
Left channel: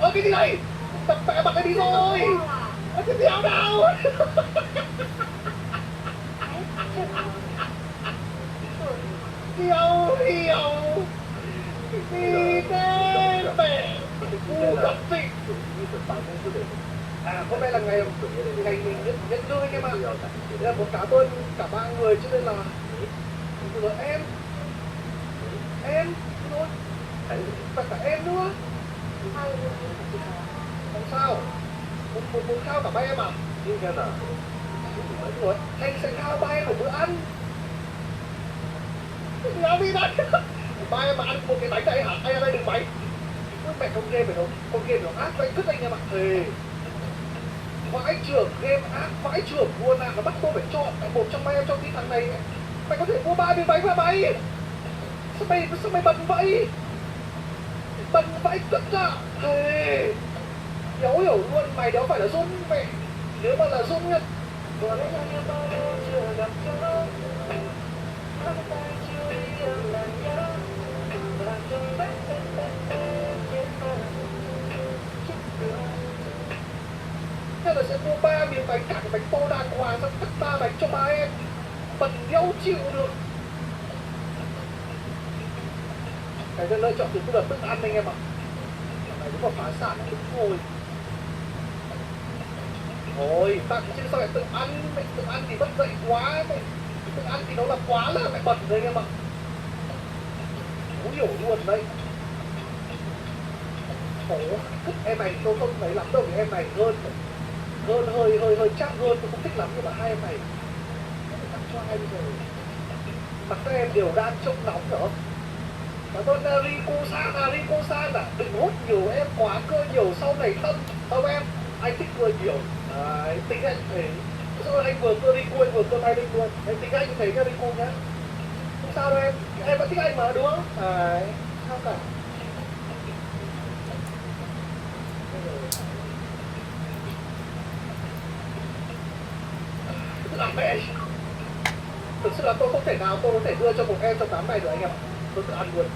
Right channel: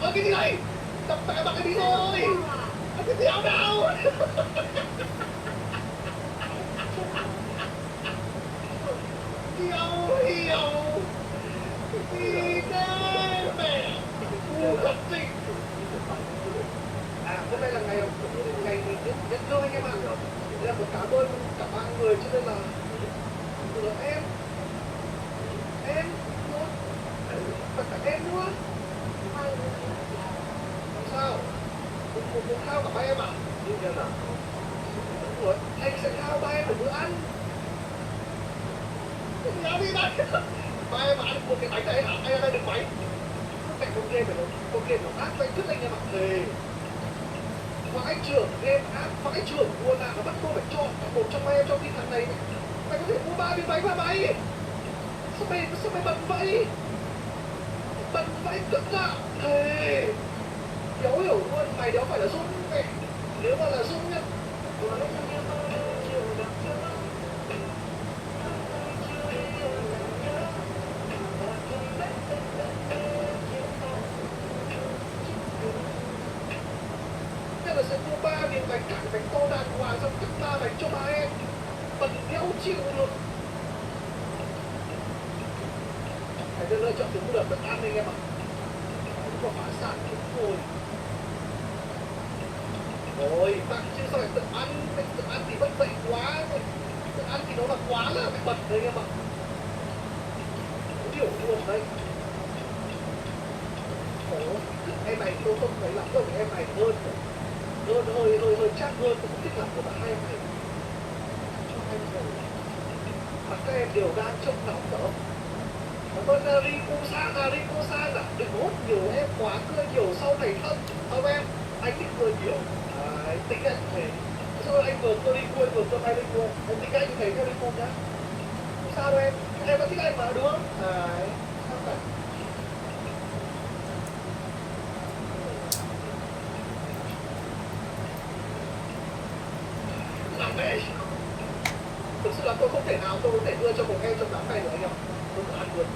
Cái gì này? Tập bẻ mặt anh đi rồi. Cái đéo nào? Yêu yêu đi cái mẹ ngu thật gì. Hôm nay là ngày mình nhận lương anh em ạ. Đây là một cảm ơn cả ba người cho nên là em luôn và cả em nữa. Làm sao? Muốn khao cả ba em à? Ủa, anh sẽ khao ba em một bữa ăn. Làm gì đấy? Ba em mà ăn một cái bánh đây hả? Anh ở đây đừng bánh. Mẹ con game phải không? Con game nó ác vậy cứt anh em ạ. Thề. Vãi trưởng game ác, vãi trưởng luôn à. Nó bắt tôi phải chọn một trong ba em trong cái thằng này. Mày có thể mua 3 miếng bánh mà mày. Sao mày bận vậy? Bận vãi cứt à. Thề. Hiểu luôn, mày đó phải là Dung mẹ. Nếu mà là Dung nhá. Thế là sẽ mua 3 miếng bánh, cả cái bánh to đàng hoàng, xong cắt 3 bánh cho ba em. Bận đéo chịu được. Cái lựa chọn từ cũng là thức ăn anh em ạ. Mày cũng phải phá sản đúng rồi. Ôi, tặng chứ sao lại tự ăn? Mày tự ăn thì bất dậy quá. Mày tự ăn thì nó là quá là mày bẩn đấy anh em ạ. Không hiểu luôn đấy. Ồ, em này tôi không thấy lắm đâu, vì em này hơn hơi chắc hơn, tôi không thích lắm, nhưng mà hai em này tặng cho hai rồi. Mà các em đều đang trông nóng nữa. Cảm ơn Rico Sang à, đừng hút nhiều em quá cơ nhiều sau này không em, anh thích vừa nhiều. Anh tính anh thế. Sao anh vừa cơ Rico, anh vừa cơ này lên luôn. Anh tính anh như thế cơ Rico nhá. Không sao đâu em vẫn thích anh mà đúng không? Sao cả. Làm mẹ. Thực sự là tôi không thể nào tôi có thể đưa cho một em trong đám này được anh em ạ. Tôi tự ăn luôn.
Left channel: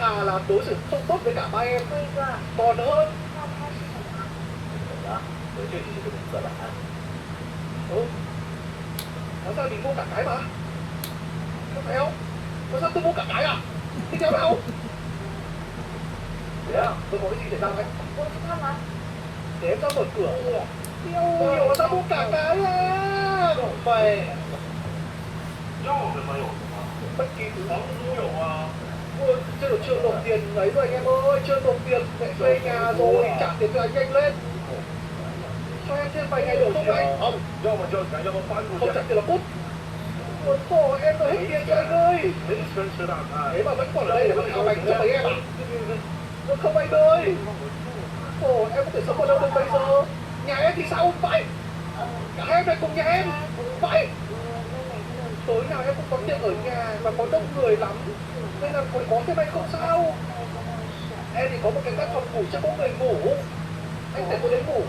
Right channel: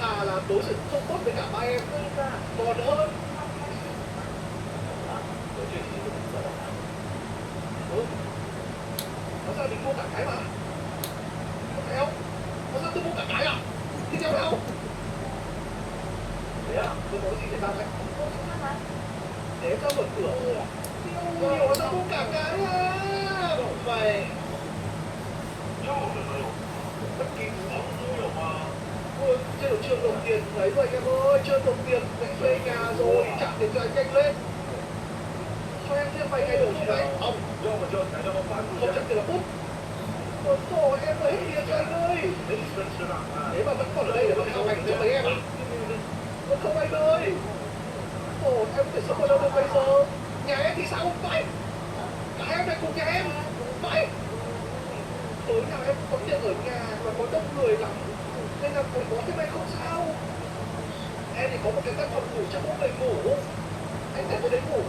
Là đối xử không tốt với cả ba em còn hơn. Nói sao mình mua cả cái mà. Không thấy không? Nói sao tôi mua cả cái à? Thì theo đâu? Thế à? Tôi có cái gì để ra đấy? Để em cho mở cửa. Nhiều mà sao mua cả cái à? Vậy bất kỳ thứ gì cũng hiểu mà. Ôi, chưa được chưa nộp tiền ấy rồi anh em ơi, chưa nộp tiền để thuê nhà rồi, trả tiền cho anh nhanh lên. Cho em thêm vài ngày nữa không anh? Không trả tiền là cút. Ôi khổ em rồi hết tiền cho anh ơi. Thế mà vẫn còn ở đây để mà khảo hành cho mấy em à? Không anh ơi. Khổ em có thể sống ở đâu được bây giờ? Nhà em thì sao vậy? Cả em này cùng nhà em. Vậy tối nào em cũng có tiệm ở nhà và có đông người lắm nên là phải có thêm anh không sao. Em thì có một cái căn phòng ngủ cho mỗi người ngủ, anh sẽ có đấy ngủ.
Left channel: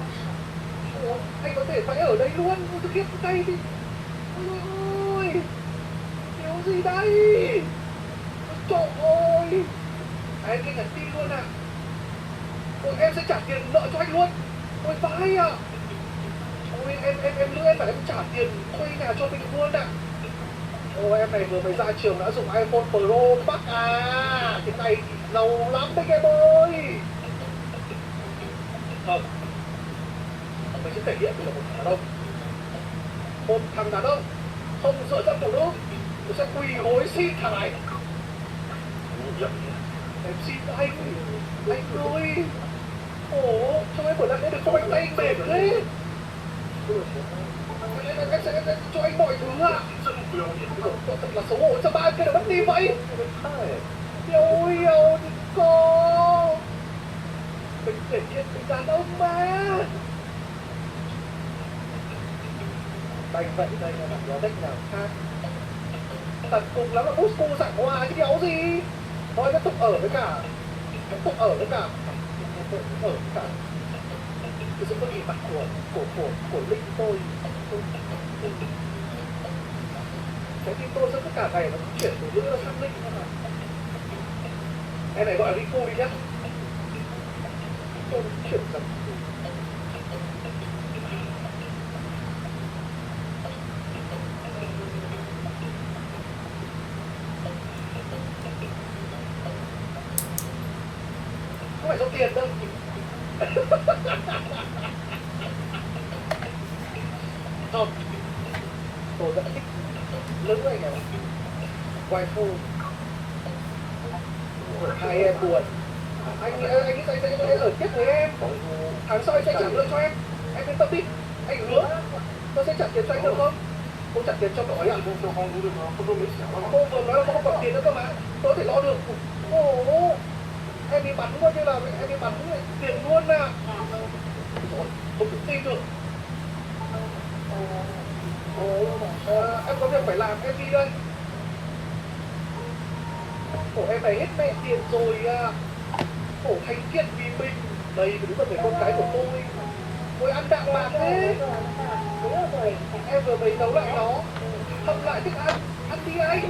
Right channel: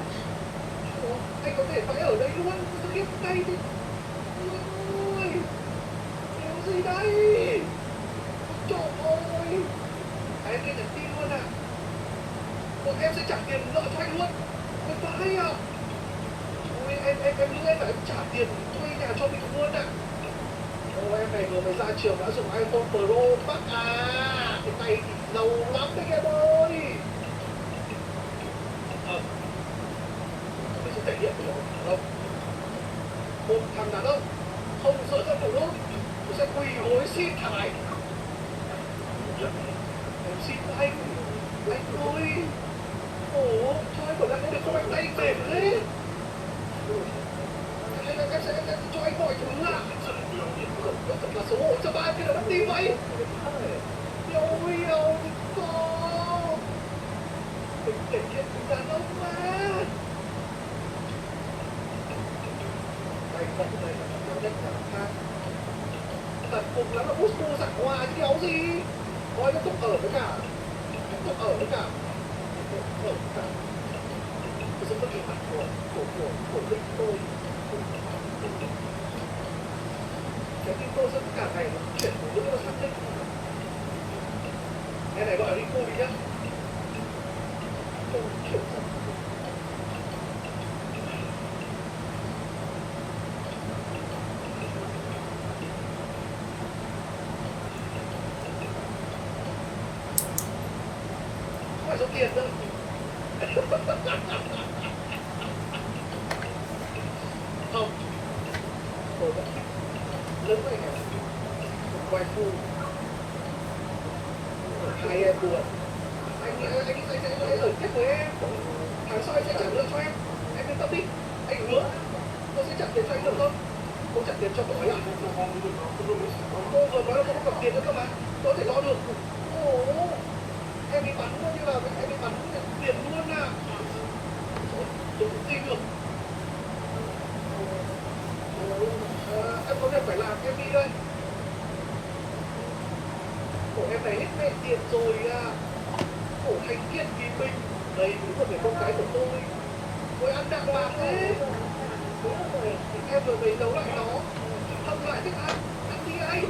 Anh có thể phải ở đây luôn, tôi kiếp đây thì ôi điều gì đây, trời ơi em kia nhắn tin luôn à. Ôi, em sẽ trả tiền nợ cho anh luôn. Ôi vãi à. Ôi em lương em phải em trả tiền thuê nhà cho mình luôn à. Ôi em này vừa mới ra trường đã dùng iPhone Pro bác à. Cái này thì giàu lắm đấy em ơi. Mình sẽ thể hiện của một đàn ông. Một thằng đàn ông không sợ cho phụ nữ, mình sẽ quỳ gối xin thằng này. Em xin anh ơi. Ồ, cho em một lần nữa được không anh, tay anh mệt thế. Em sẽ cho anh mọi thứ ạ. Thật là xấu hổ cho ba cái đầu mất tim vậy. Ôi ôi cô. Mình thể hiện tình đàn ông mà. Đành vậy này là đặt vào đất nào khác. Tận cùng lắm là Moscow dạng hoa chứ đéo gì. Thôi nó tục ở với cả. Nó tục ở với cả. Ở với cả. Tôi sẽ có nhìn mặt của Linh tôi. Trái tim tôi sẽ tất cả ngày nó chuyển từ bữa sang Linh. Em này gọi là Riku đi nhá. Tôi chuyển dần. Không phải số tiền đâu. Không, tôi vẫn thích lớn với anh này. Quay phu. Hai em buồn. Anh sẽ ở kết với em. Tháng sau anh sẽ trả lương cho em. Em yên tâm đi. Anh hứa. Tôi sẽ trả tiền cho anh được không? Tôi trả tiền cho cậu ấy à? Cô vừa nói là không còn tiền nữa cơ mà. Tôi có thể lo được. Ồ, em đi bắn coi như là em đi bắn tiền luôn à. Tôi không tin được. Em có việc phải làm, em đi đây. Cổ em này hết mẹ tiền rồi à. Cổ thành thiện vì mình. Đây đúng là người con cái của tôi. Tôi ăn đạm bạc thế. Em vừa mới nấu lại nó. Không lại thức ăn. Ăn đi anh.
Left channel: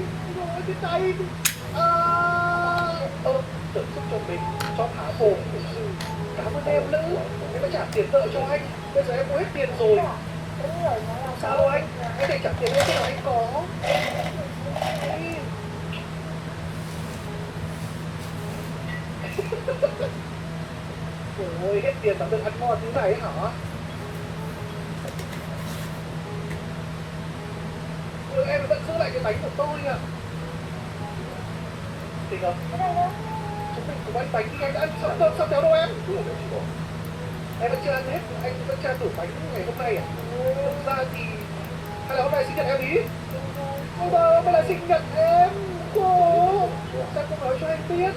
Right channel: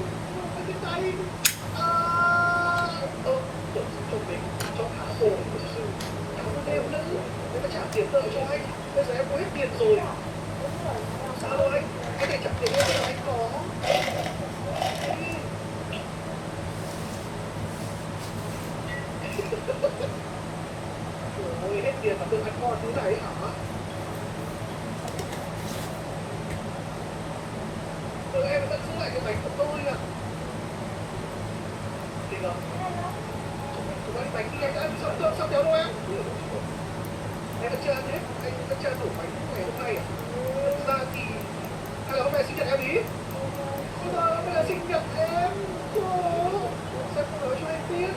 Anh biết tay. Tưởng giúp cho mình. Cho thả hồn. Cảm ơn em nữ. Em phải trả tiền nợ cho anh. Bây giờ em có hết tiền rồi. Sao đâu anh? Em phải trả tiền em cho anh có. Ôi, hết tiền mà tự ăn ngon thứ này hả? Em vẫn giữ lại cái bánh của tôi à? Thì không? Chúng mình cùng ăn bánh đi, anh đã ăn xong kéo đâu em? Em vẫn chưa ăn hết, anh vẫn chưa thử bánh ngày hôm nay à? Thực ra thì... hay là hôm nay sinh nhật em ý? Ôi trời, hôm nay là sinh nhật em! Cô! Sao không nói cho anh biết?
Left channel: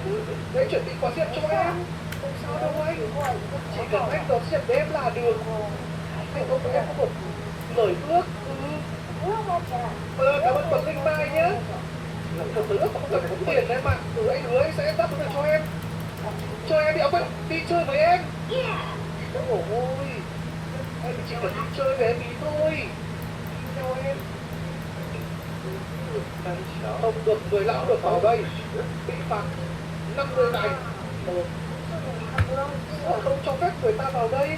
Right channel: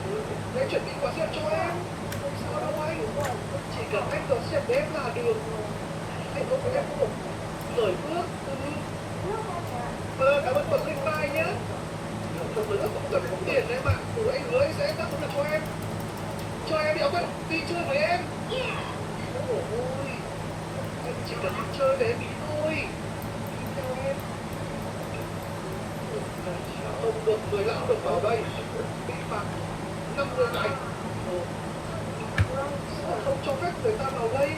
Để anh chuẩn bị quà riêng cho em! Không sao đâu anh! Chỉ cần anh đón xem với em là được! Anh không với em có một lời ước! Cảm ơn Bậc Linh Mai nhé! Một lời ước không cần phải có tiền em ạ! Anh hứa anh sẽ đáp ứng được cho em! Cho em đi chơi với em! Ôi! Anh chỉ cần đi chơi với em ý thôi! Đi theo em! Không được, người lạ được vào đây! Bị phạt 50 ngày! Không cho phép người ta vào đây!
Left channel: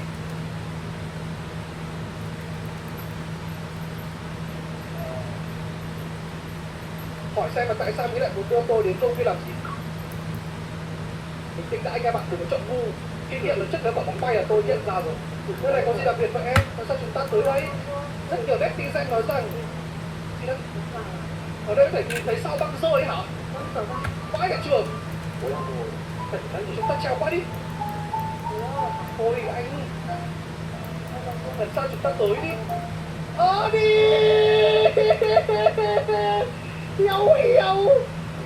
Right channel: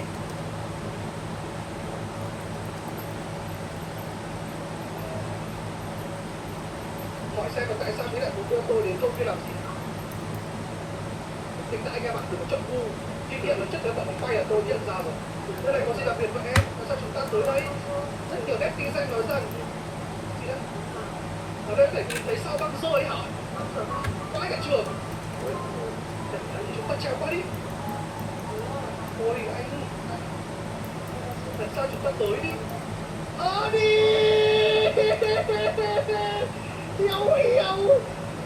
Hỏi xem là tại sao mới lại muốn đưa tôi đến công viên làm gì? Bình tĩnh đã anh em ạ, đừng có chọn ngu. Khi điện là chất đứa quả bóng bay là tôi nhận ra rồi. Nơi này có gì đặc biệt với em? Tại sao chúng ta tới đây? Rất nhiều netizen nói rằng gì đấy? Ở đây có thể nhìn thấy sao băng rơi hả? Vãi cả trường. Chúng ta trèo qua đi. Thôi anh. Lần sau chúng ta tới đi. Đi. Hiểu.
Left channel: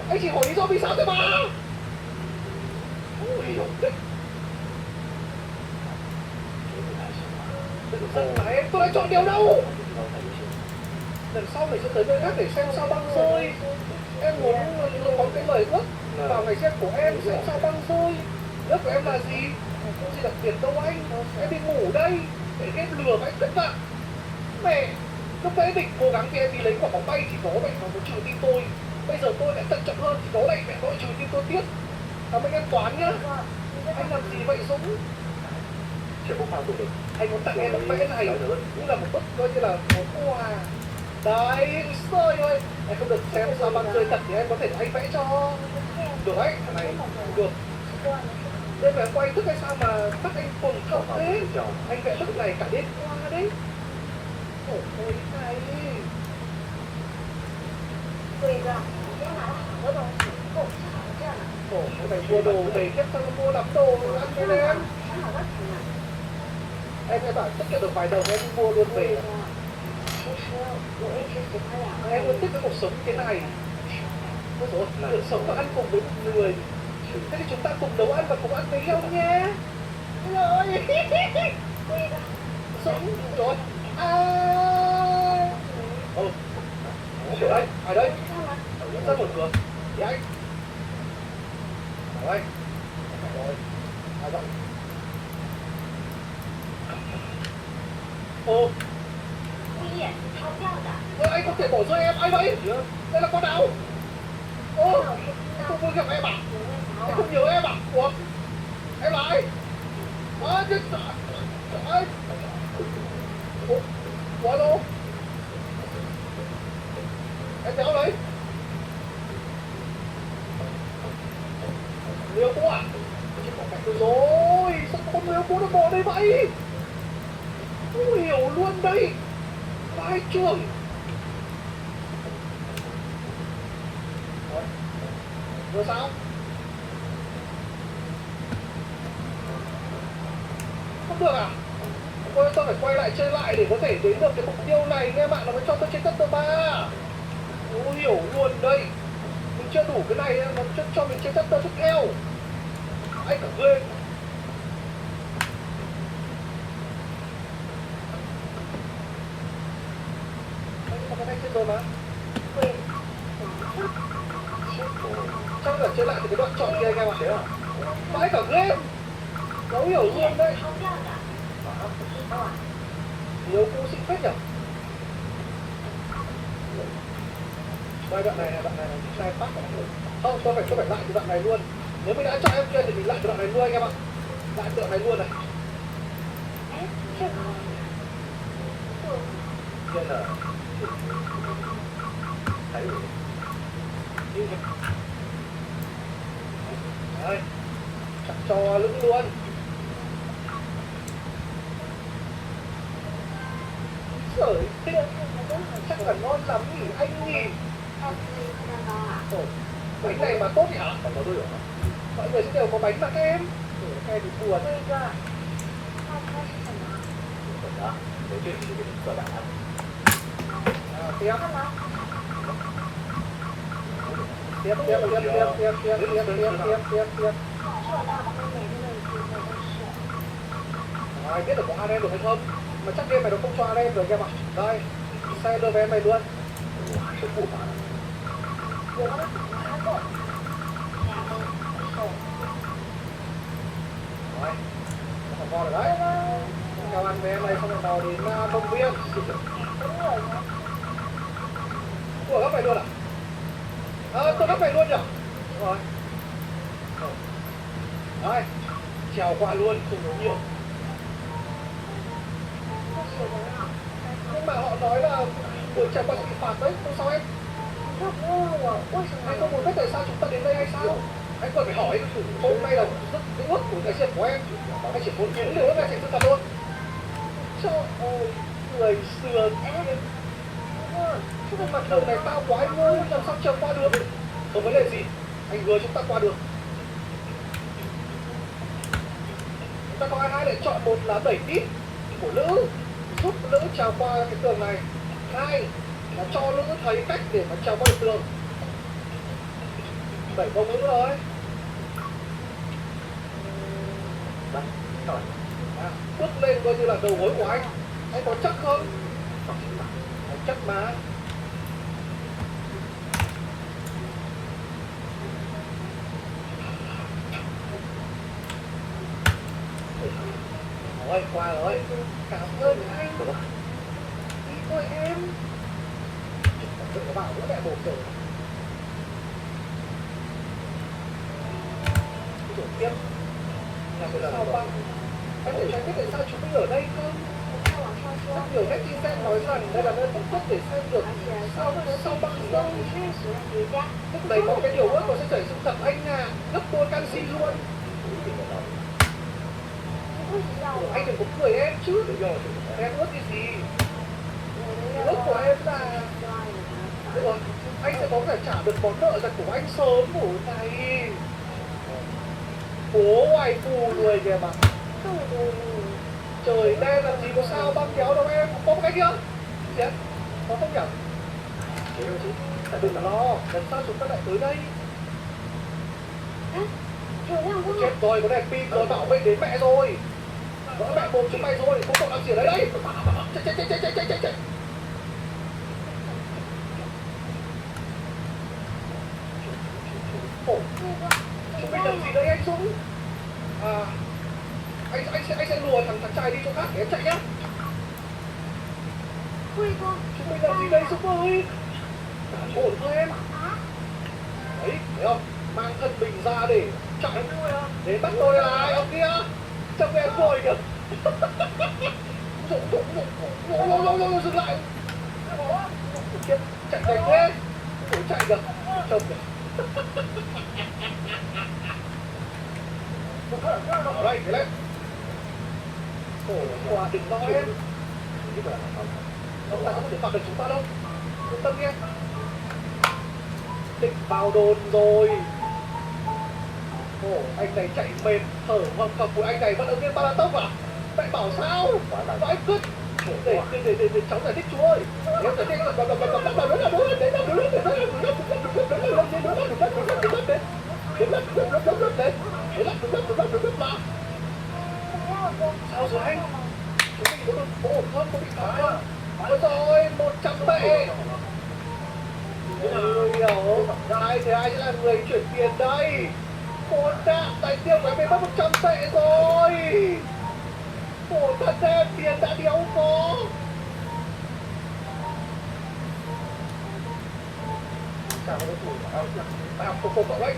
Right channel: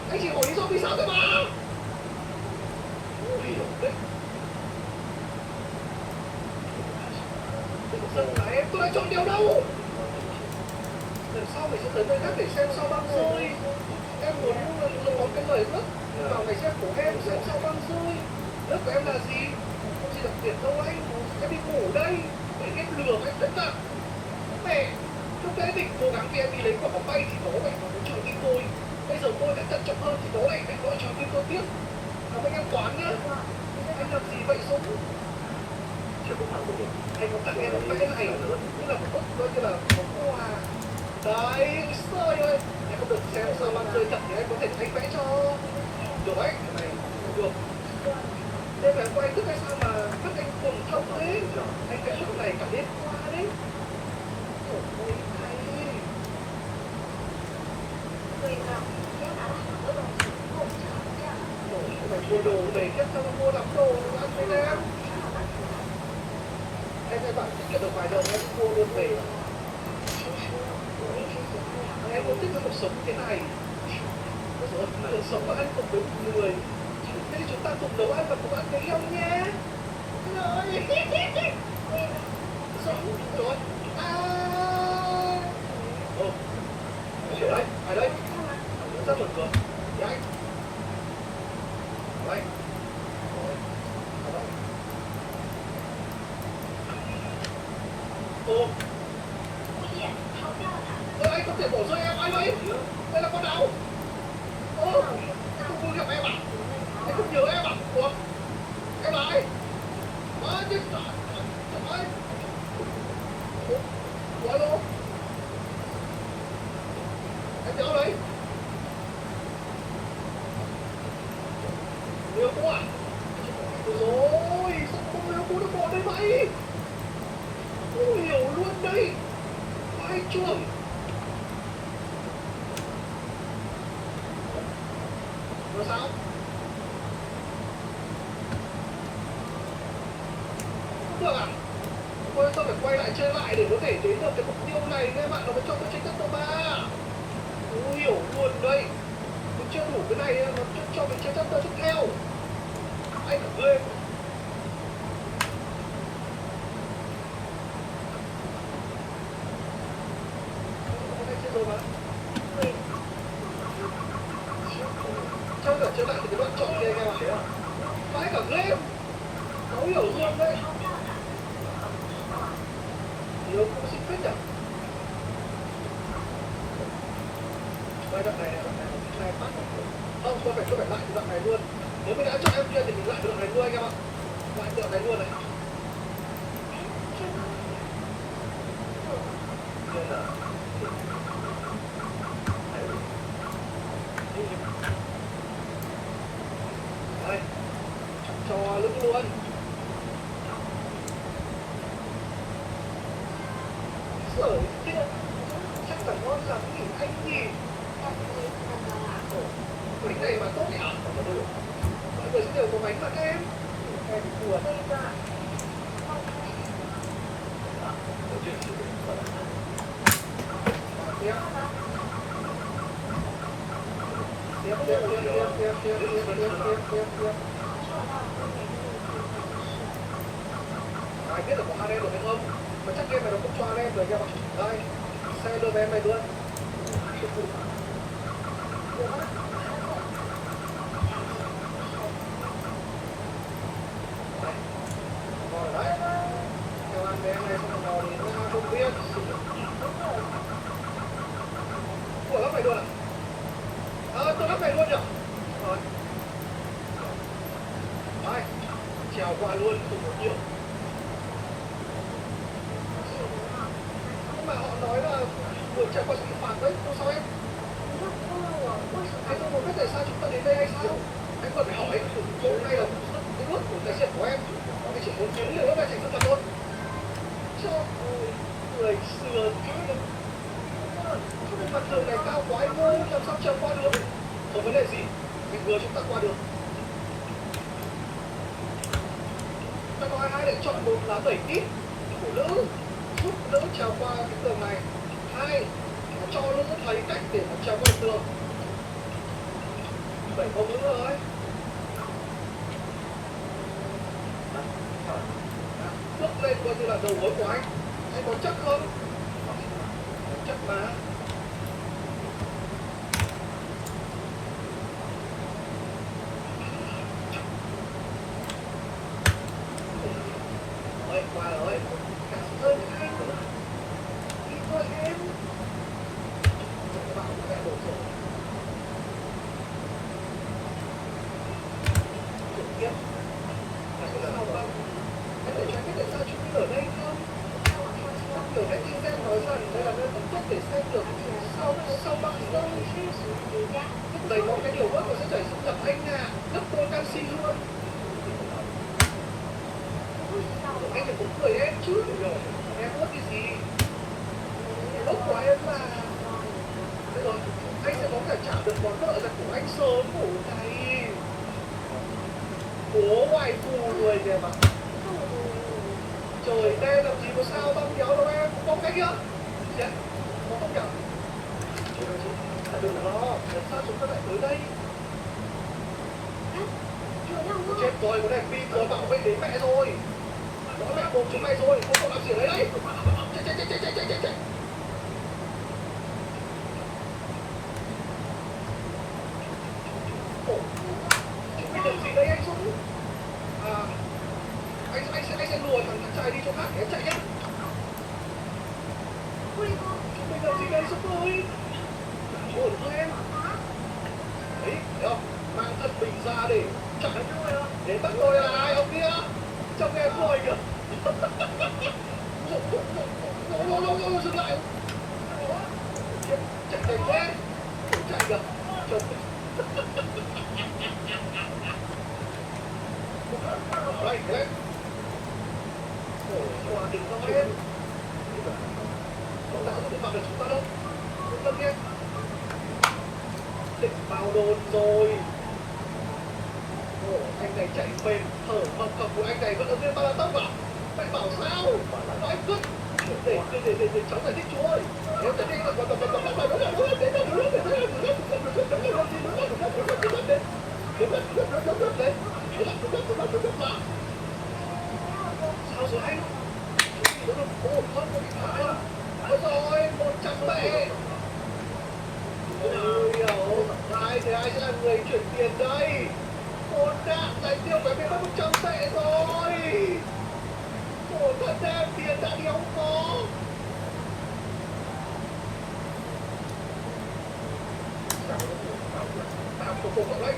Anh chỉ hỏi lý do vì sao thôi mà. Hiểu đấy. Giận là em, tôi đã chọn điều đâu. Lần sau mình sẽ tới nơi khác để xem sao băng rơi. Em muốn có cái lời ước vào ngày xem của em xem sao băng rơi. Ước của em là gì? Không gì đặc biệt đâu anh. Em đi ngủ đây để em lừa anh tất cả. Mẹ, lúc nãy mình cố gắng khi em đi lấy quả bóng bay thì có mẹ nó trừ tim tôi. Bây giờ tôi lại thận trọng hơn thì có lại mẹ gọi trừ tim tôi tiếp. Mấy em toán nhá. Anh làm gì vậy Dũng? Anh muốn tặng em một vẽ này cũng là một bức coi như là một quà. Đấy, trời ơi. Em không được xem sao băng rơi thật thì em có thể anh vẽ cho. Được đấy, này được. Đây là quay thức hay sao mà mắt anh phồng thông thế? Anh vẽ bức này cả đêm qua đấy. Ôi này. Mày mua đồ về tiếp sao mua lắm đồ ăn cho em. Em sẽ bảo tiết kiệm được vài đồng em đi mua luôn về. Em muốn thích cái cuộc sống như thế này. Ôi dồi ôi, được sống và ăn cùng với một người. Thế thì chúng ta cùng nấu ăn và cùng ăn với nhau nhé. Rồi. Sống rồi. Đấy, ai đấy? Rất một người. Thì anh. Rồi. Rồi. À vậy. Ồ, 危险，超标的。 anh không thể bỏ rơi em, ai vậy? Đây là con nào? Ô, anh không muốn gặp em à? Anh không nhớ em à? Ủa, em là ai? Nhưng trời ơi. Ủa, alo? Em nhớ đấy. Liêu cô à? Rồi, sao con liêu cô nó bỏ đây vậy? Không hiểu luôn đây. Vai trường. Rồi sao? Không được à? Tôi phải quay lại chơi lại để có thể đến được cái mục tiêu này nghe bạn, nó mới cho tôi trên cấp độ 3. Tôi hiểu luôn đây. Mình chưa đủ cái này nó cho mình trên cấp độ tiếp theo. Anh cả lên. Anh cái này chưa rồi mà. Trong cả chơi lại thì cái đoạn chọn kia anh em ạ. Thế à? Vãi cả game. Nó hiểu luôn đây. Nhiều cũng xinh phết nhỉ. Đây đoạn này nó sai phát. Không, tôi phải lại cái đoạn này luôn. Nếu mình đã cho em kia thì mình lại cái đoạn này luôn anh em ạ. Lại cái đoạn này luôn này. Đây là thấy rồi. Đây. Chẳng cho lưng luôn. Sởi tiêu chắc là ngon lắm nhỉ anh nhỉ. Bánh này mà tốt nhỉ? Mọi người sẽ đều có bánh mà các em. Nghe thì buồn. Tiếp. Ai biết được có hai em được hay không? Mà chắc game này nó không cho hai em rồi em ạ. Đây, xe đưa về em này luôn. Chết vụ mà. Rồi, bò rồi đấy. Theo ăn với em này xong rồi bò đến công viên. Ủa gấp này luôn à? Tôi gấp này luôn nhỉ? Rồi. Đây, trèo qua luôn, không nói nhiều. Nhưng mà họ nói là buổi trèo qua sẽ bị phạt đấy, không sao em? Anh không muốn biết tại sao chúng ta đến đây hay sao? Anh cần phải hỏi, hôm nay là cái ước của cái chuyện của em. Anh chỉ muốn kiếm liều ước này thành sự thật thôi. Trời ơi, người xưa em. Cái mặt đường này cao quá anh ơi, làm sao trèo qua được? Không vấn đề gì, anh vừa chúng ta qua được. Chúng ta có hai lựa chọn, một là đẩy tít của nữ, giúp nữ trèo qua cái tường này. Hai là cho nữ thấy cách để mà trèo qua được tường. Đẩy bông nữ rồi. Bước lên coi như là đầu gối của anh có chắc không? Anh chắc mà. Rồi, qua rồi. Cảm ơn anh. Đi thôi em. Đừng có bảo nữa mẹ bột rồi. Chuyển tiếp. Sao băng? Anh để cho biết tại sao chúng mình ở đây không? Rất nhiều các chuyên gia nói rằng đây là nơi tốt nhất để xem được sao băng không? Lúc này có cái điều ước nó sẽ chảy xuống gặp anh à. Gấp đôi canxi luôn. Anh đừng có cười em chứ. Em ước cái gì? Ước của em là anh sẽ có thể trả được món nợ dành của anh sớm buổi này. Bố ngoài phù người kìa mà. Trời đen làm gì có sao băng kéo đâu em. Có cái kia. Gì đấy? Có không nhỉ? Thế đâu chứ. Tại đừng lo. Lần sau chúng ta lại tới đây. Chết rồi, có đèn pin rồi, bảo vệ đến mẹ rồi. Nó mẹ mồm chúng mày rồi, không cậu làm gì ở đấy đấy. Chạy. Ồ, chúng mày làm gì đấy anh Dũng? À, anh sẽ lùa thằng trai đi chỗ khác để em chạy nhá. 贵公， chúng mình làm gì đây Super ơi? Ổn không em? Đấy, thấy không? Mang thân mình ra để chọc anh tôi à? Để bắt tôi là ai ông kia? Trông em vội kìa. Rồi, dừng lại. Chạy nhanh thế. Ủa, chạy kìa. Trông kìa. Đây, cái đấy. Ôi, quả đừng nói em. Ông ta không thể phạm được chúng ta đâu. Yên tâm nhé. Định vào đồn rồi. Ồ, anh này chạy bền, thở hồng hộc của anh này vẫn ứng lên marathon à? Mẹ bảo sao? Bảo em cứt. Để cháu giải thích chú ơi. Em giải thích sao rồi anh? Chúng mình có được ổn không? Có bị phá không? Ôi rồi, 100 tệ. Ôi hiểu, ai thì ai sẽ là người chuyển tiền đây? Một đạm tài tiêu của em bị mất 100 tệ rồi. Một thật em tiền đã đéo có. Sao nó thủ tao không phục ở đấy.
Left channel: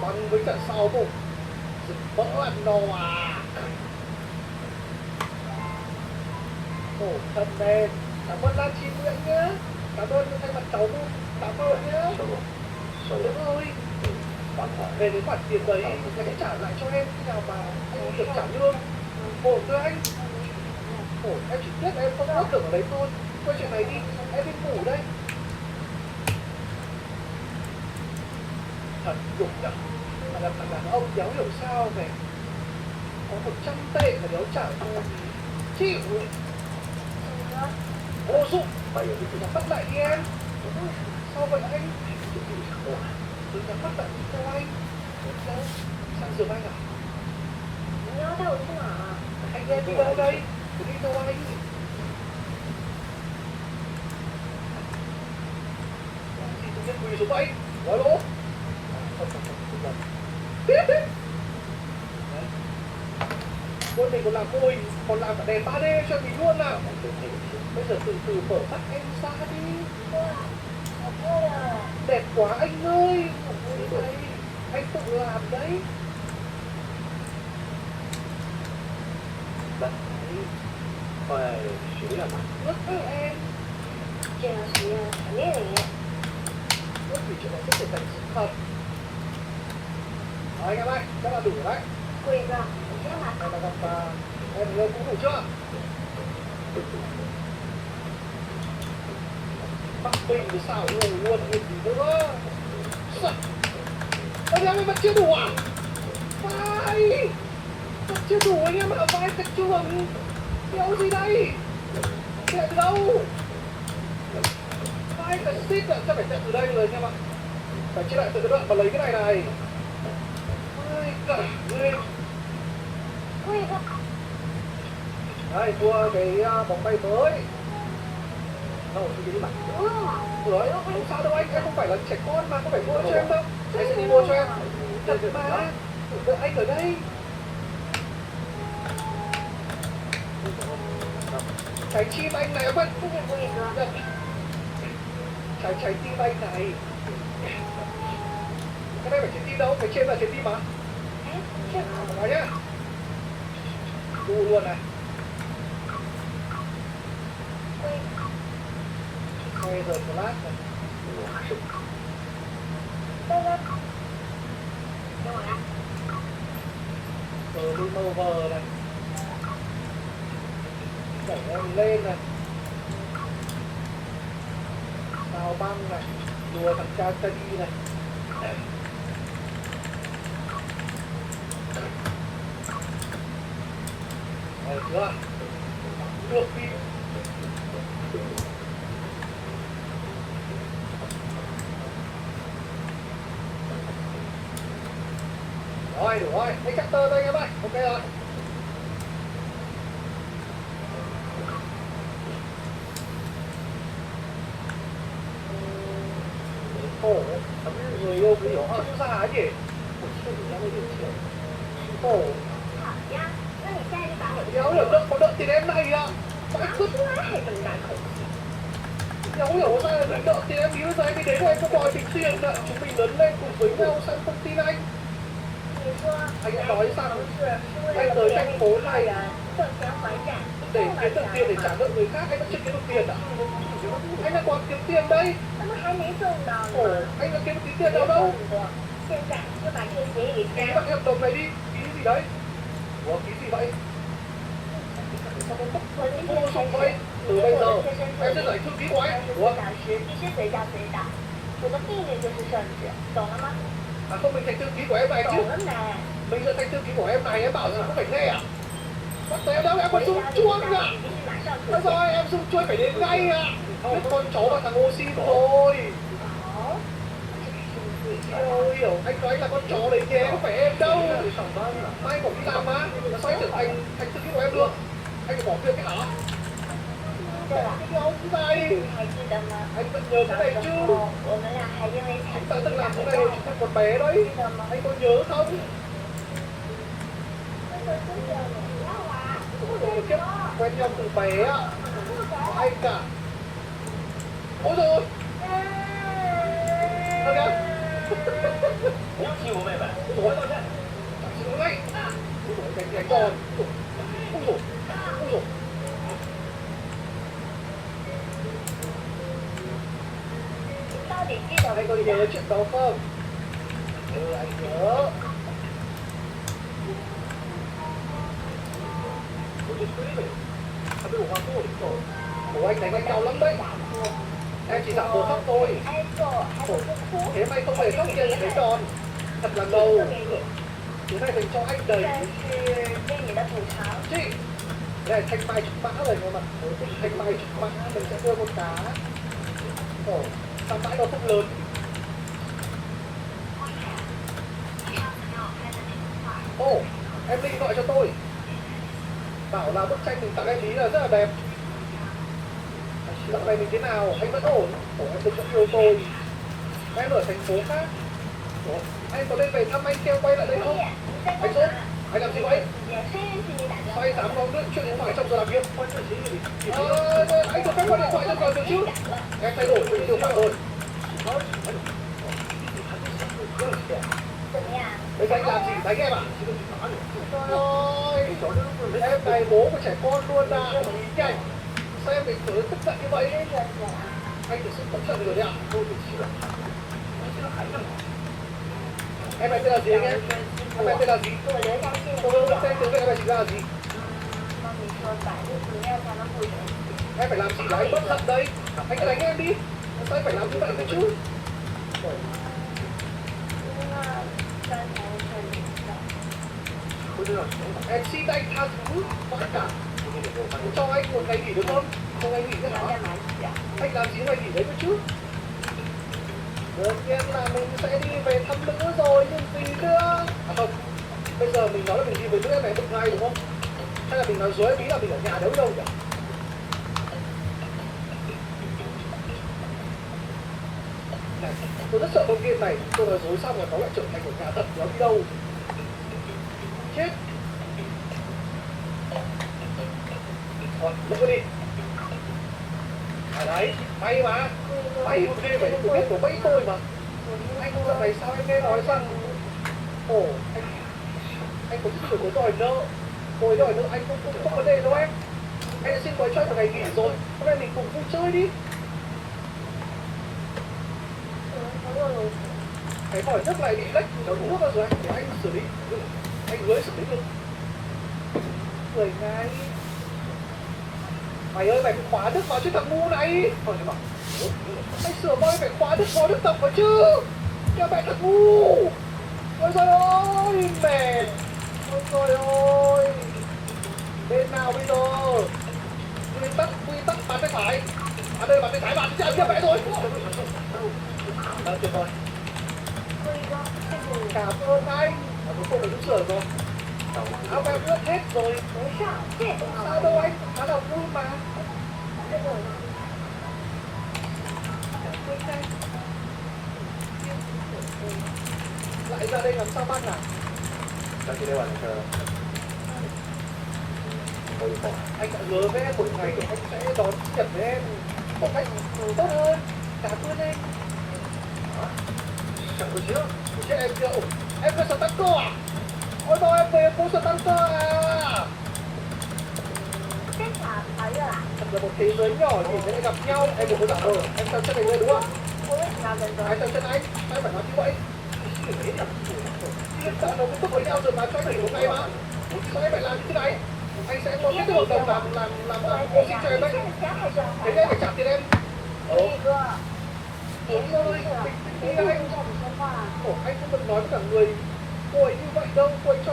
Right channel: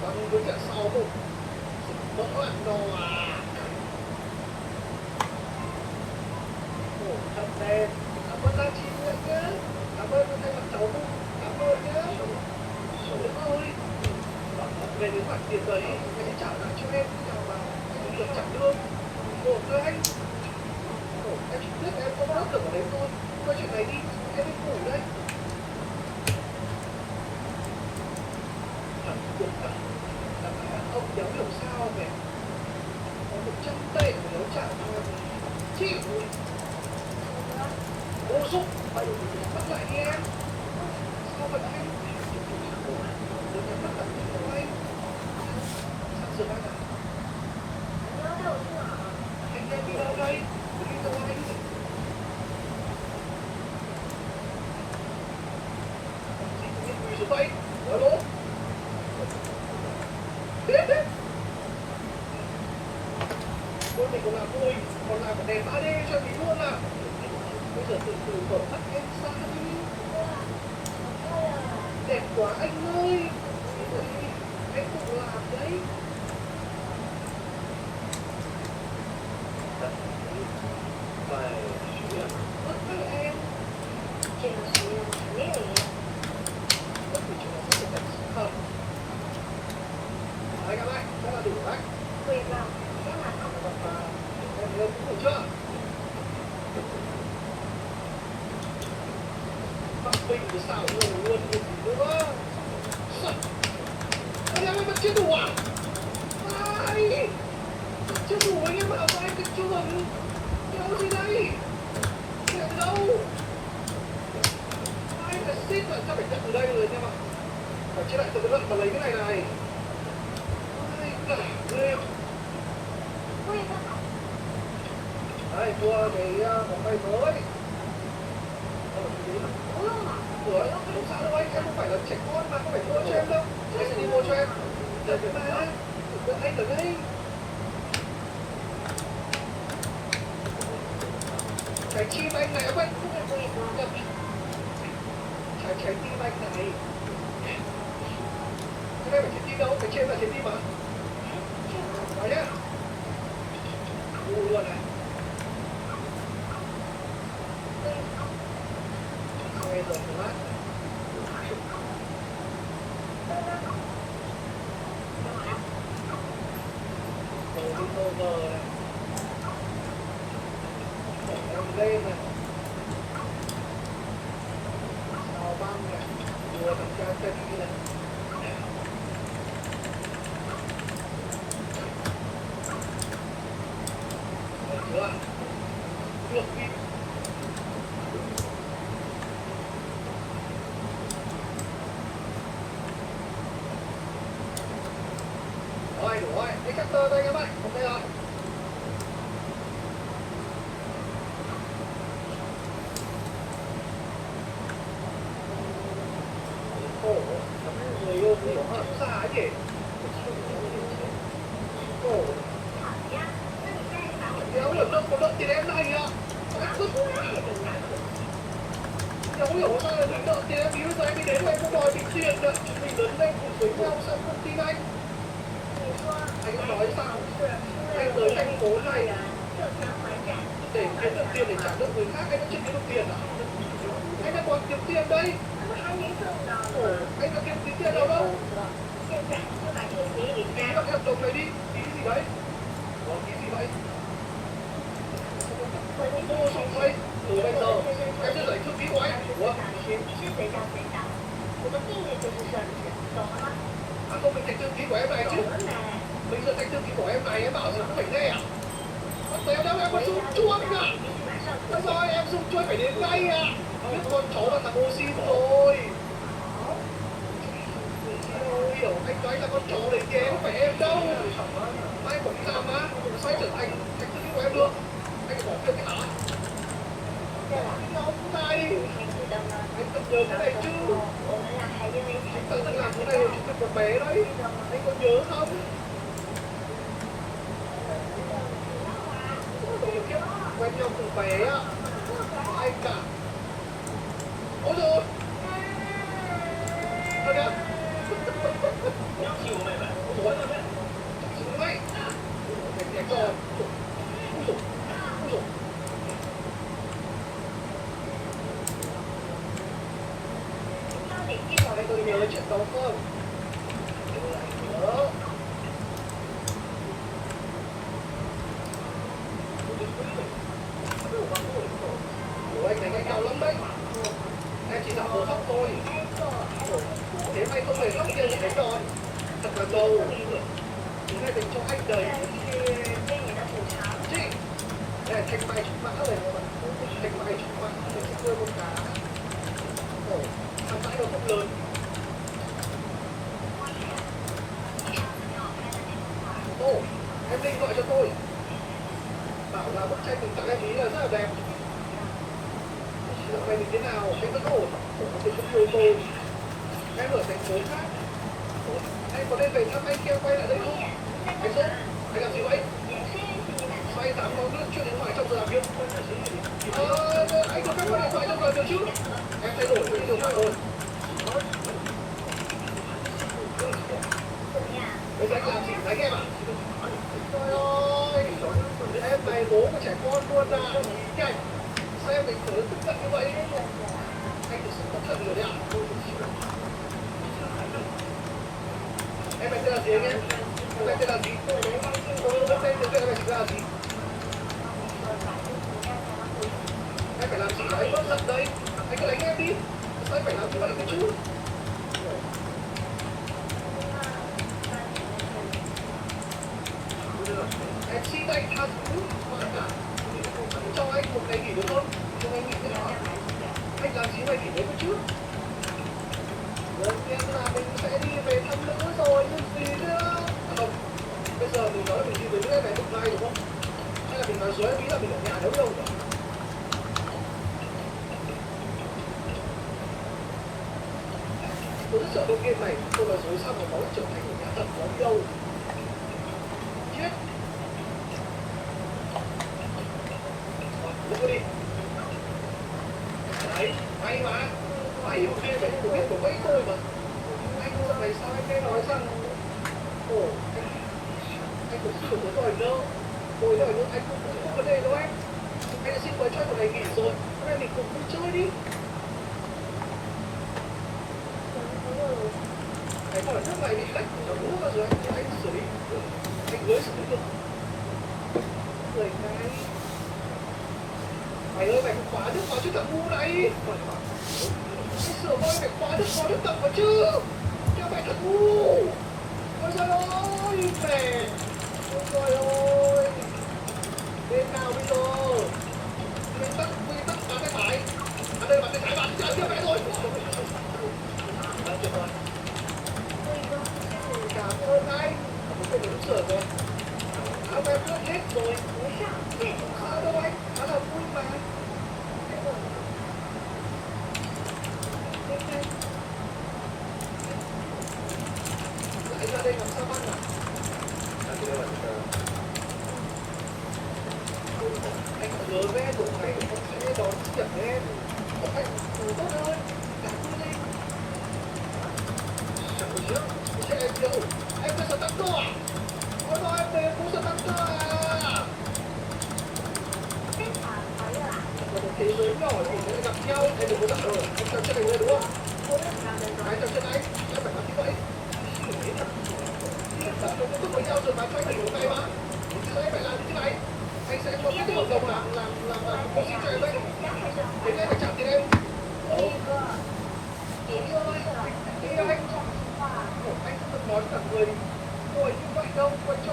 Còn với trận sau không? Vỡ ăn no à. Khổ thân em. Cảm ơn Lan Chi Nguyễn nhá. Cảm ơn thay mặt cháu không? Cảm ơn nhá. Đúng rồi. Về đến khoản tiền đấy, anh sẽ trả lại cho em khi nào mà anh được trả lương. Khổ cơ anh. Khổ, em chỉ biết em không có tưởng ở đấy thôi. Quay chuyện này đi, em đi ngủ đây. Thật dục à. Là thằng đàn ông đéo hiểu sao này. Có 100 tệ mà đéo trả cho em. Chịu. Ô dụng, phải bắt lại đi em. Sao vậy anh? Đừng nhắm mắt lại đi theo anh. Sao? Sang giường anh à? nó đâu chứ hả? Anh đi đâu đây? Đi theo anh. Thì tự nhiên quỳ xuống vậy? Nói lỗ. Biết đấy. Tôi mình còn làm vui, còn làm cả đèn 3D cho mình luôn nào. Bây giờ từ từ mở mắt em ra đi. Đẹp quá anh ơi. Anh tự làm đấy. Đấy. Phải chú là ướt với em.这个是常练的。 Ướt thì chúng nó có thể thành không? Đấy các bạn, chắc là đủ rồi đấy.贵公，你先拿。Em lâu cũng ngủ chưa? Bắc Bình thì sao luôn luôn như gì nữa? Sao? Ôi em vẫn chưa đủ à? Vai! Vẫn chưa đủ anh em ở vai cái chuồng. Kéo gì đây? Chạy từ đâu? Vai phải xít rồi, chắc phải chạy từ đây rồi anh em ạ. Phải chia lại từ cái đoạn mà lấy cái này này. Ai cả ghê.贵公， Đây, mua cái bóng bay mới. Đâu, đi đi bạn. Rồi, không sao đâu anh, em không phải là trẻ con mà, không phải mua cho em đâu. Anh sẽ đi mua cho em. Thật mà, đợi anh ở đây. Trái tim anh này quên. 这个贵公。 Trái tim anh này. Cái này phải trái tim đâu, cái trên là trái tim mà. 哎，这个。 Nói nhá. Đu luôn này. Xoay giờ flash này. Berlin over này. Đẩy anh lên này. Sao băng này. Đùa thằng cha Teddy này. Được chưa? Được đi. Rồi, đủ rồi. Cái chapter thôi các bạn. Ok rồi. Khổ. Người yêu gì họ không ra ấy nhỉ? Khổ. 好呀，那你带着把我 Đéo hiểu đâu có đợi tiền em này à? Phải vứt. Không hiểu sao là mình nợ tiền em ý, bây giờ em đi đến rồi em có đòi mình tiền ạ. Chúng mình lớn lên cùng với nhau sao em không tin anh. Anh đã nói rằng anh tới thành phố này để kiếm được tiền để trả nợ người khác, anh vẫn chưa kiếm được tiền ạ. Anh đang còn kiếm tiền đây. Ồ, anh đã kiếm được tí tiền đâu đâu. Ký vào cái hợp đồng này đi, ký gì đấy? Ủa, ký gì vậy? Sao em không mua sổ đây? Từ bây giờ em sẽ lấy thư ký của anh. Ủa? À không, mình thành thư ký của em này chứ. Mình sẽ thành thư ký của em này, em bảo gì không phải nghe à? Bắt tay đâu, em còn dùng chuông à? Bây giờ em dùng chuông phải đến ngay à? Biết con chó và thằng oxy rồi. Ôi hiểu, anh nói là con chó đấy nhé, không phải em đâu. Mai cũng đi làm mà, sao anh trở thành thư ký của em được? Anh phải bỏ việc cái hả? Cái ông này, anh vẫn nhớ cái này chứ? Anh ta từng làm cái này hồi chúng mình còn bé đấy, anh có nhớ không? Ôi kiếp, quen nhau từ bé á, anh cả. Ôi rồi, thôi kìa. Ôi rồi, chẳng chịu đấy. Ôi rồi, đánh giòn. Ôi rồi, ôi rồi. Anh có nhớ chuyện đó không? Anh nhớ. Ủa anh đánh anh đau lắm đấy. Em chỉ dạo bố khóc thôi. Thế mày không hề khóc kia những cái tròn. Thật là ngầu. Thứ này dành cho anh đấy. Chị. Đây thanh mai trúc mã rồi mà. Thanh mai trúc mã mình sẽ đưa con cá. Ồ, sao mãi nó không lớn. Ồ, em Linh gọi cho tôi. Bảo là bức tranh mình tặng em ý là rất là đẹp. Dạo này mình thế nào? Anh vẫn ổn. Ủa, mình vẫn yêu tôi. Em ở thành phố khác. Ủa, anh có nên về thăm anh kêu quay lại đây không? Anh Sốt, anh làm gì vậy? Sao anh dám nói chuyện điện thoại trong giờ làm việc? Anh có phép gọi điện thoại trong giờ được chứ? Em thay đổi chuyện điện thoại rồi. Bây giờ anh làm gì? Đánh em à? Trời ơi, em này bố của trẻ con luôn à. Nhanh, sao em đánh tới tức giận như vậy? Anh thực sự tức giận rồi đấy à? Em này tên là gì anh em? Em này tên là gì? Tôi tên tiếng Việt em này chỉ ra là gì? Em phải làm gì đấy? Bớt giận đây. Anh cứ đánh em đi. Sao em phải làm như vậy cơ chứ? Em xin anh tha thứ tất cả. Cho anh một ngày nghỉ được không? Cho anh nghỉ thế nào? Anh làm gì mà nghỉ đấy cơ chứ? Đương nhiên là mình sẽ đi về thăm nữ rồi, nhưng gì nữa? À không, bây giờ mình nói là mình đi về nữ em này một ngày đúng không? Hay là mình nói dối ý là mình ở nhà đâu đâu nhỉ? Tôi rất sợ đầu tiên này, tôi nói dối xong là nó lại trở thành ở nhà thật, nó đi đâu? Chết! Lúc đi. À đấy, may mà. May ok vậy, tôi biết của bẫy tôi mà. Anh lần này sao anh nghe nói rằng ồ, anh cũng xin được đòi nợ. Rồi đòi nợ anh cũng không vấn đề đâu em. Anh đã xin mời cho anh một ngày nghỉ rồi. Hôm nay mình cùng vui chơi đi. Cái vòi nước này bị lệch, nó nước ra rồi anh xử lý. Anh mới xử lý được. Người ngay. Mày ơi, mày phải khóa nước vào chứ thằng ngu này. Anh sửa voi phải khóa nước tập vào chứ. Cho mẹ thằng ngu. Ôi trời ơi, mẹ. Ôi trời ơi. Bên nào bây giờ? Quy tắc bàn tay phải. À đây bàn tay trái bạn chạy cho mẹ rồi. Tuyệt vời. Cảm ơn anh. Cuối cùng mình cũng sửa rồi. Áo em ướt hết rồi. Sao đâu anh? Khá là vui mà. Lại ra đây làm sao băng à? Đây là cái anh đã hứa với em một ngày anh sẽ đón sinh nhật với em một cách tốt hơn, cả tươi lên. Chẳng có gì đâu, thế em kêu em có sở tăng cơ à? Ôi thôi em về cũng sở tăng cơ à? Chắc là thấy rồi ạ. Thật là một thế giới nhỏ thì sẽ gặp nhau. Em đừng có giả vờ, em chân chân này lên đúng không? Cô biết làm rồi rồi. Anh chân chân anh phải làm như vậy. Hiện tại nó cũng tốt với nhau rồi mà cho anh một ngày mà. Sao em phải làm như thế này? Anh sẽ có kết hợp đồng làm cô xin cho em đấy. Thế nên phải trả tiền em. Cái gì cơ? Cái gì cơ? Cái gì cơ? Anh không được nói với cả người cô ấy như vậy đâu, cô ấy cho